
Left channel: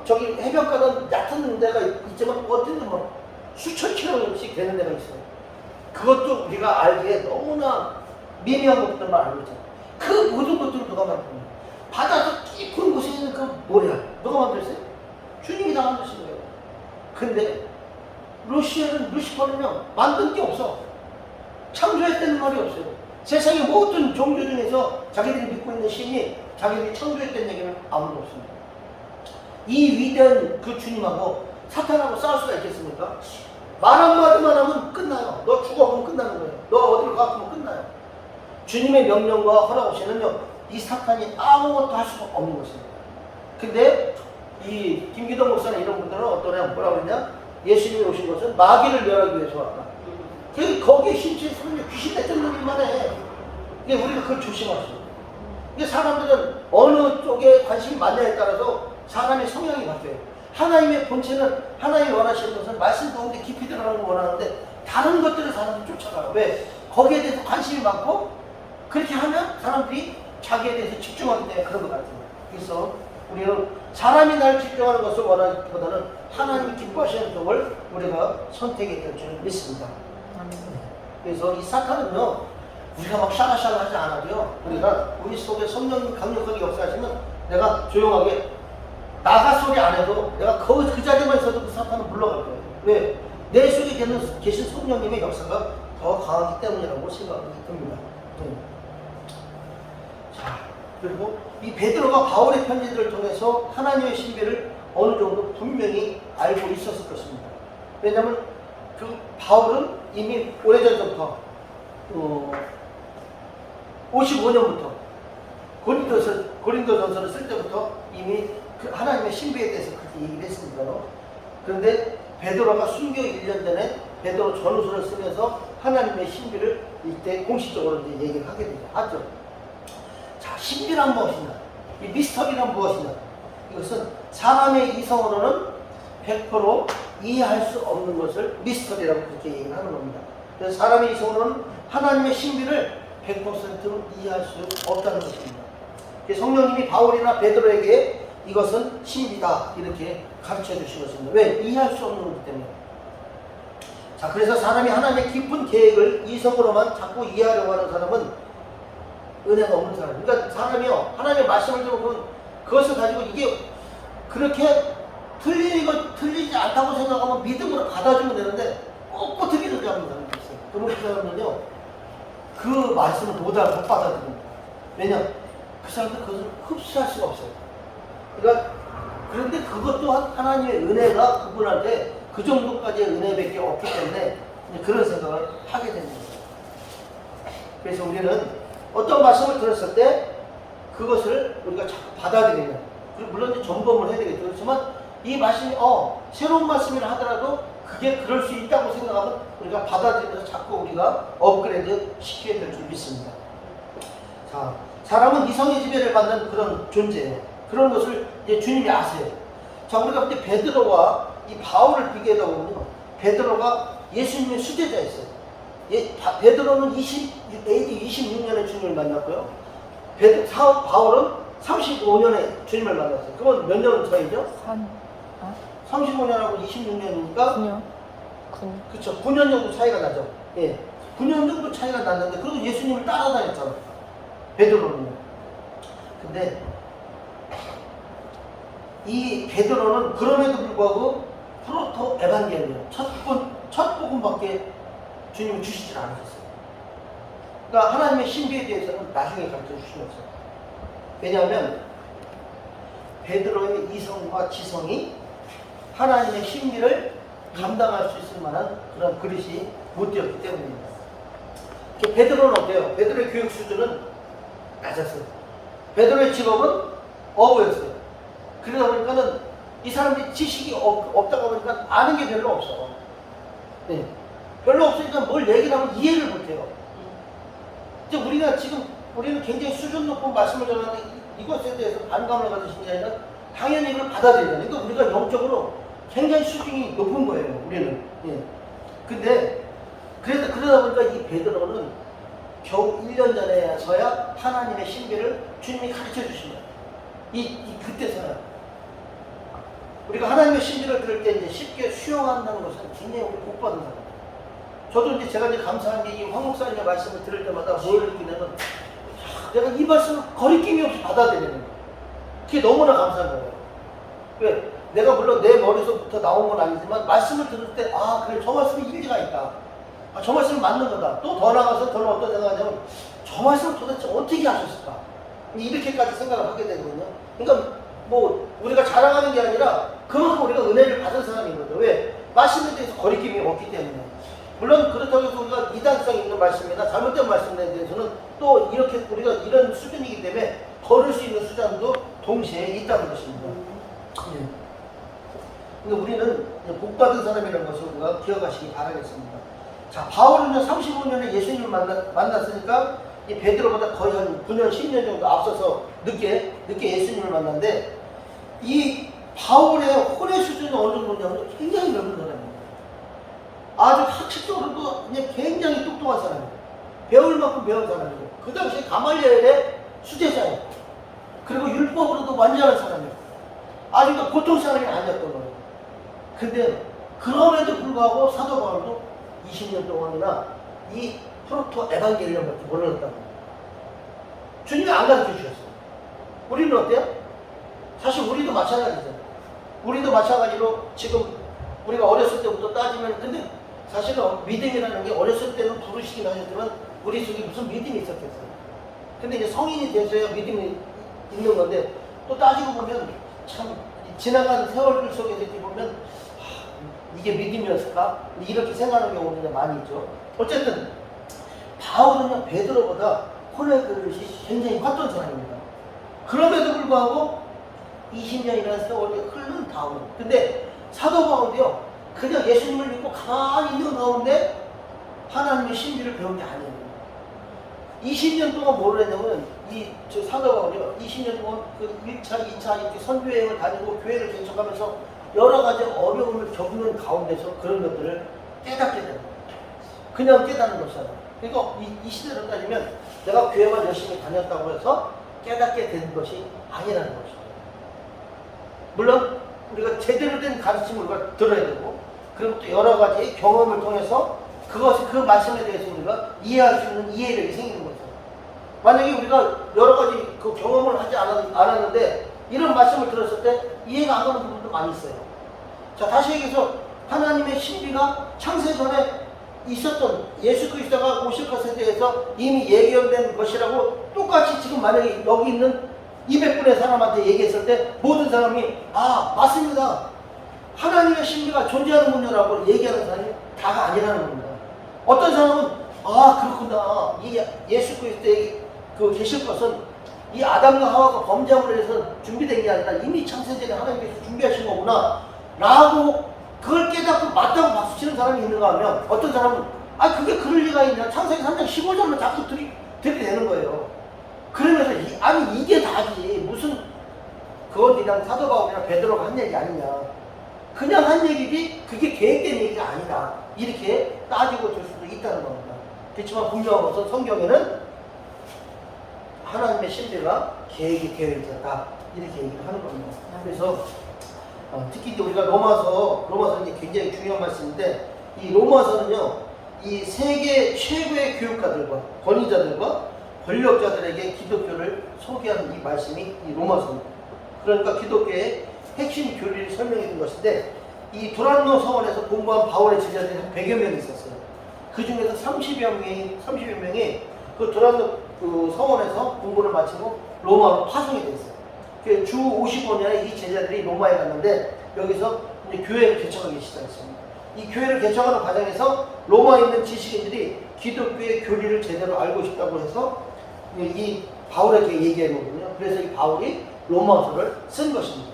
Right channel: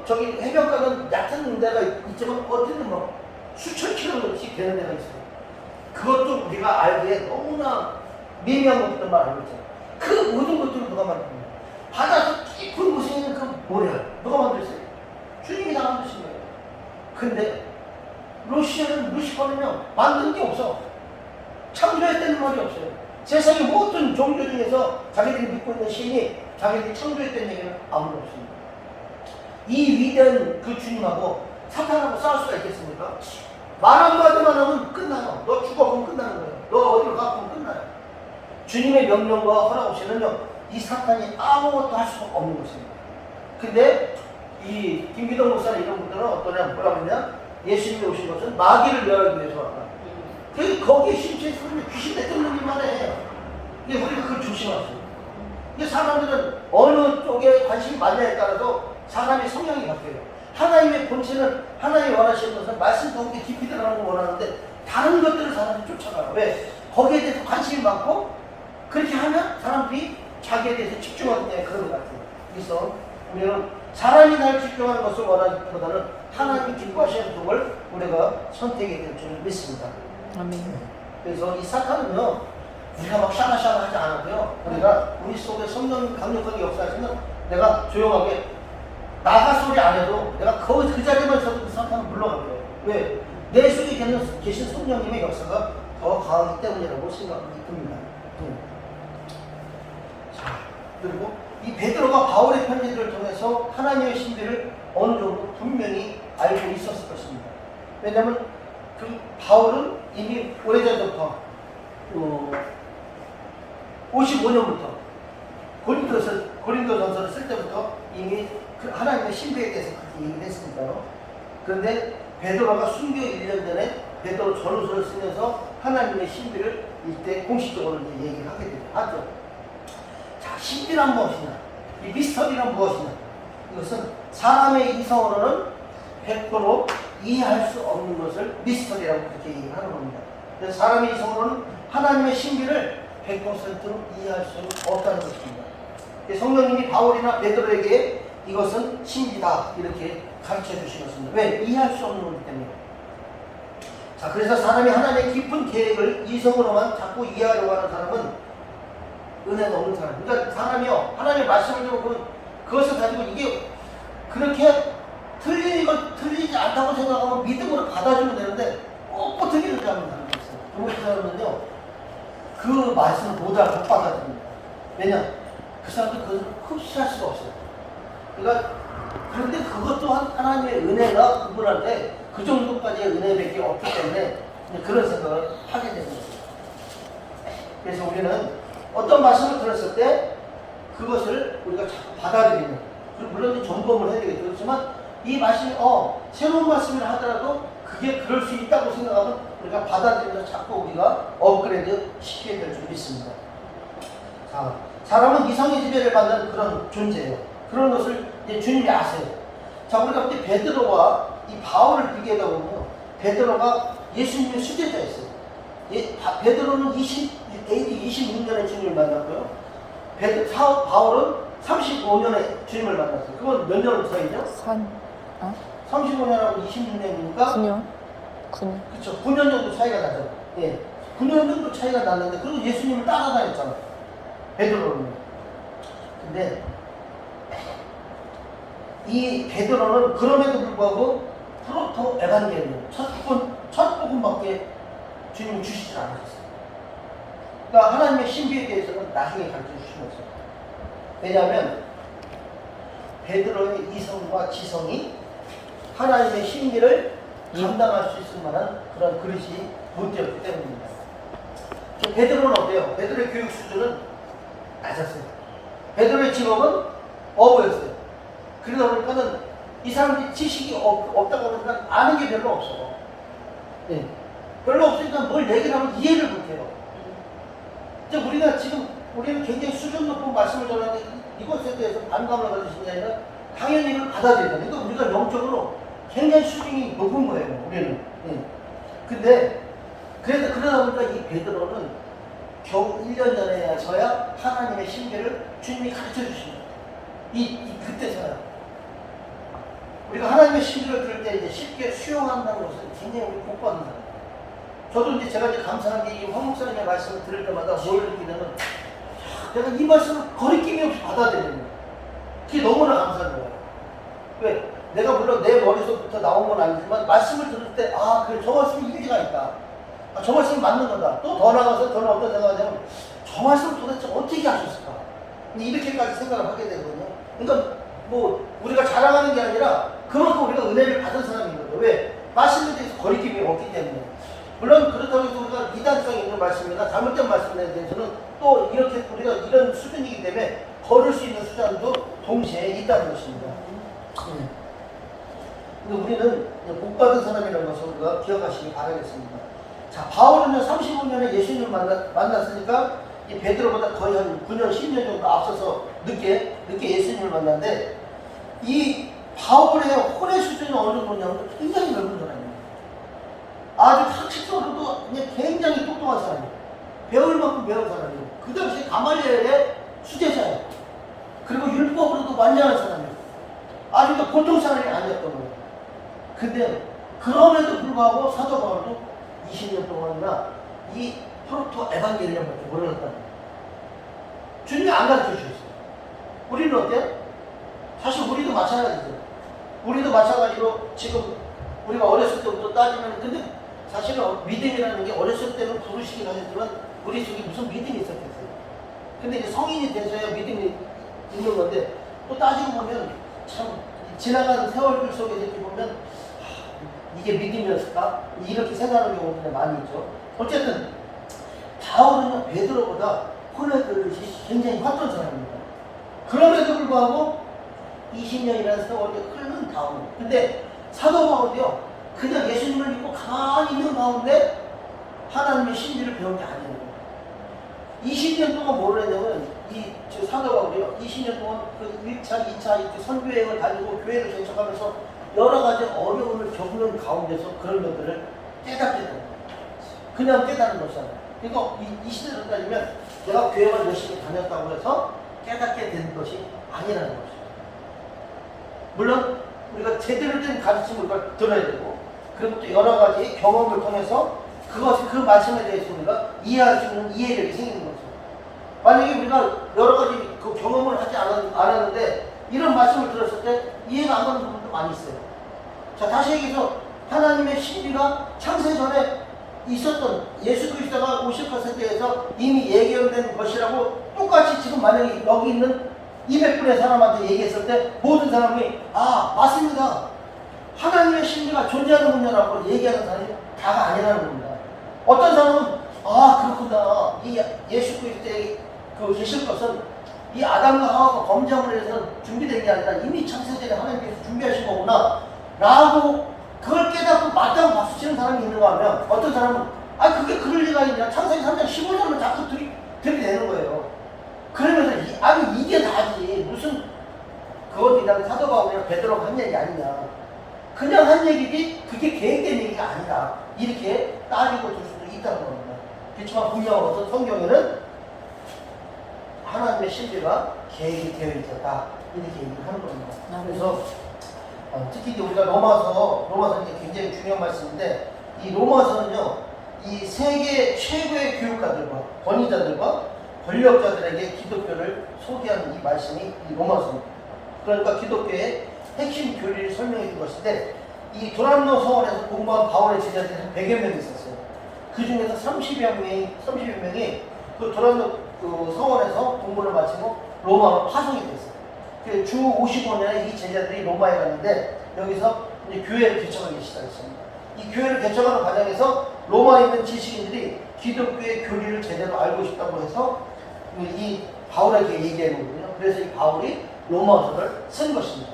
저기 해변가는 얕은 데가 있지만 어디는 뭐 수천 킬로씩 되는 데가 있어요. 그것도 우리가 알기에 너무나 미미한 것들만 알고 있잖아요. 그 모든 것들을 누가 만들었나요? 바다에서 깊은 곳에 있는 그 모래 누가 만들었어요? 주님이 다 만드신 거예요. 근데 루시퍼는요, 만든 게 없어. 창조했다는 말이 없어요. 세상의 모든 종교 중에서 자기들이 믿고 있는 신이 자기들이 창조했다는 얘기는 아무도 없습니다. 이 위대한 그 주님하고 사탄하고 싸울 수가 있겠습니까? 말 한마디만 하면 끝나요. 너 죽어보면 끝나는 거예요. 너 어디로 가면 끝나요. 주님의 명령과 허락 없이는요, 이 사탄이 아무것도 할 수가 없는 것입니다. 근데 이 김기동 목사나 이런 분들은 어떠냐, 뭐라고 그러냐? 예수님이 오신 것은 마귀를 멸하기 위해서 왔다. 거기에 심지어 귀신 뱉는 일만 해. 근데 우리가 그걸 조심하죠. 이게 사람들은 어느 쪽에 관심이 많냐에 따라서 사람의 성향이 바뀌어요. 하나님의 본체는, 하나님이 원하시는 것은 말씀 가운데 깊이 들어가는 걸 원하는데 다른 것들을 사람들이 쫓아가요. 왜? 거기에 대해서 관심이 많고 그렇게 하면 사람들이 자기에 대해서 집중하기 때문에 그런 것 같아요. 그래서 우리는 사람이 날 집중하는 것을 원하기보다는 하나님이 기뻐하시는 쪽을 우리가 선택해야 될 줄 믿습니다. 아멘. 그래서 이 사탄은요, 우리가 막 샤라샤라 하지 않아도요, 우리 속에 성령 강력하게 역사하시면 내가 조용하게 나가 소리 안 해도 내가 그 자리만 있어도 그 사탄은 물러갈 거예요. 왜? 내 속에 계신 성령님의 역사가 더 강하기 때문이라고 생각이 듭니다. 자, 그리고 이 베드로가 바울의 편지들을 통해서 하나님의 신비를 어느 정도 분명히 알고 있었을 것입니다. 왜냐하면 그 바울은 이미 오래전부터 55년부터 고린도전서를 쓸 때부터 이미 그 하나님의 신비에 대해서 그렇게 얘기를 했으니까요. 그런데 베드로가 순교 1년 전에 베드로 전후서를 쓰면서 하나님의 신비를 이때 공식적으로 이제 얘기를 하게 하죠. 자, 신비란 무엇이냐? 이 미스터리란 무엇이냐? 이것은 사람의 이성으로는 100% 이해할 수 없는 것을 미스터리라고 그렇게 얘기를 하는 겁니다. 그래서 사람의 이성으로는 하나님의 신비를 100% 이해할 수 없다는 것입니다. 성령님이 바울이나 베드로에게 이것은 신비다 이렇게 가르쳐 주시겠습니다. 왜? 이해할 수 없는 거기 때문에. 자, 그래서 사람이 하나님의 깊은 계획을 이성으로만 자꾸 이해하려고 하는 사람은 은혜가 없는 사람. 그러니까 사람이요, 하나님의 말씀을 들어보면 그것을 가지고 이게 그렇게 틀리지 않다고 생각하면 믿음으로 받아주면 되는데 꼭 틀리는 사람이 있어요. 그런 사람은요, 그 말씀을 못 받아들입니다. 왜냐? 그 사람들 그것을 흡수할 수가 없어요. 그러니까 그런데 그것 또한 하나님의 은혜가 그분한테 그 정도까지의 은혜밖에 없기 때문에 그런 생각을 하게 되는 거죠. 그래서 우리는 어떤 말씀을 들었을 때 그것을 우리가 받아들이는, 물론 점검을 해야 되겠죠. 그렇지만 이 말씀이 새로운 말씀이라 하더라도 그게 그럴 수 있다고 생각하면 우리가 받아들이면서 자꾸 우리가 업그레이드 시켜야 될 줄 믿습니다. 자, 사람은 이성의 지배를 받는 그런 존재예요. 그런 것을 이제 주님이 아세요. 자, 우리가 볼 때 베드로와 이 바울을 비교하다 보면 베드로가 예수님의 수제자였어요. 베드로는 AD 26년에 주님을 만났고요. 바울은 35년에 주님을 만났어요. 그건 몇 년을 차이죠? 35년하고 26년이니까 9년. 그렇죠. 9년 정도 차이가 나죠. 예. 9년 정도 차이가 났는데 그리고 예수님을 따라다녔잖아. 베드로는. 근데 이 베드로는 그럼에도 불구하고 프로토 에반게리온 첫 복음밖에 주님이 주시지 않으셨어요. 그러니까 하나님의 신비에 대해서는 나중에 가르쳐 주시면서, 왜냐하면 베드로의 이성과 지성이 하나님의 신비를 감당할 수 있을 만한 그런 그릇이 못 되었기 때문입니다. 베드로는 어때요? 베드로의 교육 수준은 낮았어요. 베드로의 직업은 어부였어요. 그러다 보니까는 이 사람들이 지식이 없다가 보니까 아는 게 별로 없어요. 네. 별로 없으니까 뭘 얘기를 하면 이해를 못해요. 이제 우리는 굉장히 수준 높은 말씀을 전하는데 이것에 대해서 반감을 가지신 게 아니라 당연히 이걸 받아들여야 돼요. 우리가 영적으로 굉장히 수준이 높은 거예요, 우리는. 예. 근데 그러다 보니까 이 베드로는 겨우 1년 전에서야 하나님의 신비를 주님이 가르쳐 주신 거예요. 그때서야. 우리가 하나님의 신비를 들을 때 이제 쉽게 수용한다는 것은 굉장히 우리 복 받는 사람. 저도 이제 제가 감사한 게 황 목사님의 말씀을 들을 때마다 뭘 느끼냐면, 내가 이 말씀을 거리낌이 없이 받아들이는 거예요. 그게 너무나 감사한 거예요. 왜? 내가 물론 내 머릿속부터 나온 건 아니지만 말씀을 들을 때 그래, 저 말씀이 일리가 있다. 저 말씀이 맞는 거다. 또 더 나가서 저는 어떤 생각하냐면, 저 말씀을 도대체 어떻게 하셨을까? 이렇게까지 생각을 하게 되거든요. 그러니까 우리가 자랑하는 게 아니라 그만큼 우리가 은혜를 받은 사람인 거죠. 왜? 말씀에 대해서 거리낌이 없기 때문에. 물론 그렇다고 해서 우리가 이단성 있는 말씀이나 잘못된 말씀에 대해서는 또 이렇게 우리가 이런 수준이기 때문에 걸을 수 있는 수단도 동시에 있다는 것입니다. 근데 우리는 복 받은 사람이라는 것을 우리가 기억하시기 바라겠습니다. 자, 바울은 35년에 예수님을 만났으니까 이 베드로보다 거의 한 9년, 10년 정도 앞서서 늦게 예수님을 만났는데, 이 바울의 혼의 수준이 어느 정도냐면 굉장히 넓은 사람입니다. 아주 학식적으로도 굉장히 똑똑한 사람이에요. 배울 만큼 배운 사람이에요. 그 당시에 가말리엘의 수제자예요. 그리고 율법으로도 완전한 사람이에요. 아주 보통 사람이 아니었던 거예요. 근데 그럼에도 불구하고 사도 바울도 20년 동안이나 이 프로토 에반겔리온밖에 모르겠다는 거예요. 주님이 안 가르쳐 주셨어요. 우리는 어때요? 사실 우리도 마찬가지죠. 우리도 마찬가지로 지금 우리가 어렸을 때부터 따지면, 근데 사실은 믿음이라는 게 어렸을 때는 부르시긴 하셨지만 우리 속에 무슨 믿음이 있었겠어요. 근데 이제 성인이 돼서야 믿음이 있는 건데, 또 따지고 보면 참 지나가는 세월들 속에서 이렇게 보면 이게 믿음이었을까? 이렇게 생각하는 경우가 많이 있죠. 어쨌든 바울은 베드로보다 혼의 그릇이 굉장히 컸던 사람입니다. 그럼에도 불구하고 20년이라는 세월이 흐른 다음, 근데 사도 바울이요, 그냥 예수님을 믿고 가만히 있는 가운데 하나님의 신비를 배운 게 아니에요. 20년 동안 뭘 했냐면, 저 사도 바울이요, 20년 동안 그 1차, 2차 이렇게 선교여행을 다니고 교회를 개척하면서 여러 가지 어려움을 겪는 가운데서 그런 것들을 깨닫게 되는 거예요. 그냥 깨닫는 것이 아니라. 그러니까 이 시대로 따지면 내가 교회만 열심히 다녔다고 해서 깨닫게 되는 것이 아니라는 거죠. 물론 우리가 제대로 된 가르침을 우리가 들어야 되고, 그리고 또 여러 가지 경험을 통해서 그 말씀에 대해서 우리가 이해할 수 있는 이해력이 생기는 거죠. 만약에 우리가 여러 가지 그 경험을 하지 않았는데 이런 말씀을 들었을 때 이해가 안 가는 부분도 많이 있어요. 자, 다시 얘기해서 하나님의 신비가 창세전에 있었던 예수 그리스도가 오실 것에 대해서 이미 예견된 것이라고 똑같이 지금 만약에 여기 있는 200분의 사람한테 얘기했을 때 모든 사람이 아, 맞습니다, 하나님의 신비가 존재하는군요라고 얘기하는 사람이 다가 아니라는 겁니다. 어떤 사람은 아, 그렇구나, 이 예수 그리스도의 그 계실 것은 이 아담과 하와가 범죄함을 해서 준비된 게 아니라 이미 창세전에 하나님께서 준비하신 거구나 라고 그걸 깨닫고 맞다고 박수치는 사람이 있는가 하면, 어떤 사람은 아, 그게 그럴 리가 있냐, 창세기 3장 15절을 자꾸 들이대는 거예요. 그러면서 아니 이게 다지, 무슨 그것도 그냥 사도 바울이나 베드로가 한 얘기 아니냐, 그냥 한 얘기지 그게 계획된 얘기가 아니다, 이렇게 따지고 줄 수도 있다는 겁니다. 그렇지만 분명히 성경에는 하나님의 신비가 계획이 되어 있었다, 이렇게 얘기를 하는 겁니다. 그래서 특히 우리가 로마서 이제 굉장히 중요한 말씀인데, 이 로마서는요, 이 세계 최고의 교육가들과 권위자들과 권력자들에게 기독교를 소개하는 이 말씀이 이 로마서입니다. 그러니까 기독교의 핵심 교리를 설명해 준 것인데, 이 도란노 성원에서 공부한 바울의 제자들이 한 100여 명이 있었어요. 그 중에서 30여 명이 그 도란노 그 성원에서 공부를 마치고 로마로 파송이 됐어요. 주 55년에 이 제자들이 로마에 갔는데 여기서 이제 교회를 개척하기 시작했습니다. 이 교회를 개척하는 과정에서 로마에 있는 지식인들이 기독교의 교리를 제대로 알고 싶다고 해서 이 바울에게 얘기한 거거든요. 그래서 이 바울이 로마서를 쓴 것입니다.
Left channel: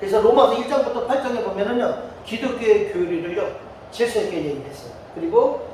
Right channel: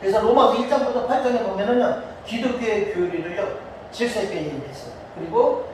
그래서 로마서 1장부터 8장에 보면은요, 기독교의 교리를요 질서 있게 얘기했어요. 그리고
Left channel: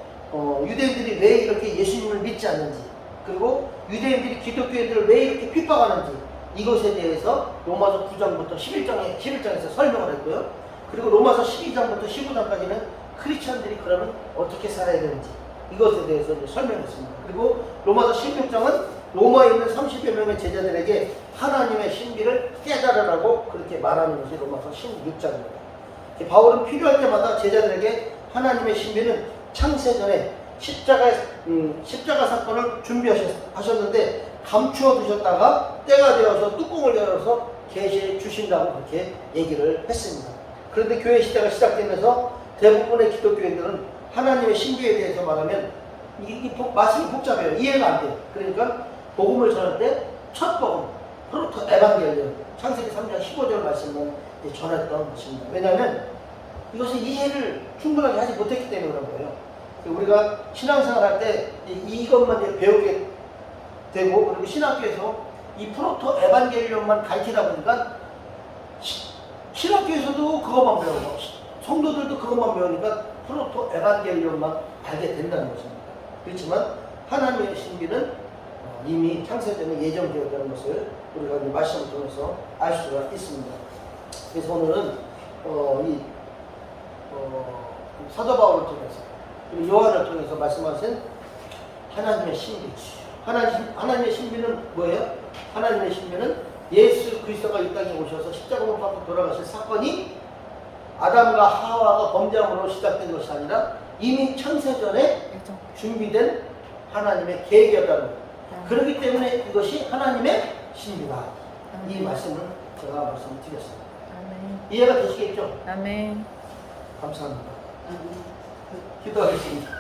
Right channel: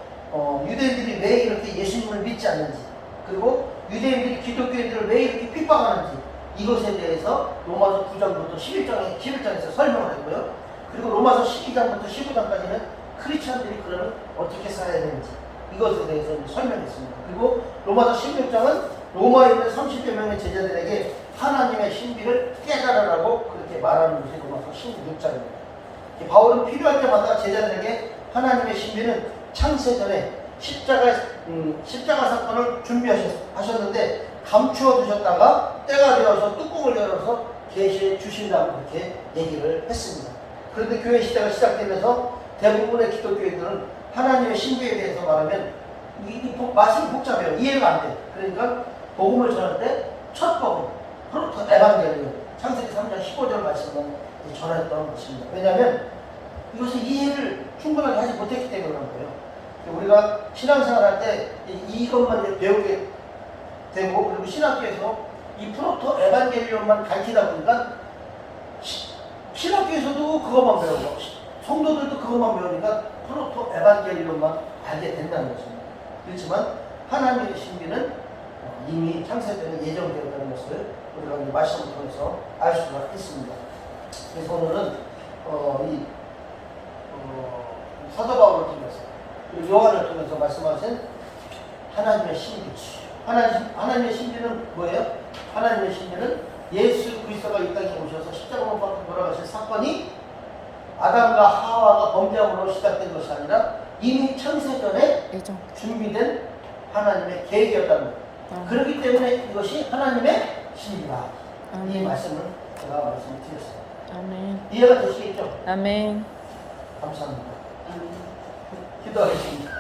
유대인들이 왜 이렇게 예수님을 믿지 않는지, 그리고 유대인들이 기독교인들을 왜 이렇게 핍박하는지, 이것에 대해서 로마서 9장부터 11장에서 설명을 했고요. 그리고 로마서 12장부터 15장까지는 크리스천들이 그러면 어떻게 살아야 되는지, 이것에 대해서 설명했습니다. 그리고 로마서 16장은 로마에 있는 30여 명의 제자들에게 하나님의 신비를 깨달으라고 그렇게 말하는 것이 로마서 16장입니다. 바울은 필요할 때마다 제자들에게 하나님의 신비는 창세전에 십자가 사건을 준비하셨는데 감추어 두셨다가 때가 되어서 뚜껑을 열어서 계시해 주신다고 그렇게 얘기를 했습니다. 그런데 교회 시대가 시작되면서 대부분의 기독교인들은 하나님의 신비에 대해서 말하면 이 말씀이 복잡해요. 이해가 안 돼. 그러니까 복음을 전할 때 첫 복음, 프로토 에반겔리온, 창세기 3장 15절 말씀만 전했던 것입니다. 왜냐하면 이것은 이해를 충분하게 하지 못했기 때문에 그런 거예요. 우리가 신앙생활 할 때 이것만 배우게 되고, 그리고 신학교에서 이 프로토 에반겔리온만 가르치다 보니까 신학교에서도 그것만 배우고 성도들도 그것만 배우니까 프로토 에반겔리온만 알게 된다는 것입니다. 그렇지만 하나님의 신비는 이미 창세전에 예정되었다는 것을 우리가 이제 말씀을 통해서 알 수가 있습니다. 그래서 오늘은 사도 바울을 통해서, 그리고 요한을 통해서 말씀하신 하나님의 신비지. 하나님의 신비는 뭐예요? 하나님의 신비는 예수 그리스도가 이 땅에 오셔서 십자가로 못 박혀 돌아가신 사건이 아담과 하와가 범죄함으로 시작된 것이 아니라 이미 창세전에 예정. 준비된 하나님의 계획이었다는 거예요. 그렇기 때문에 그것이 하나님의 신비다. 이 말씀을 제가 말씀드렸습니다. 아멘. 이해가 되시겠죠? 아멘. 감사합니다. 기도하겠습니다.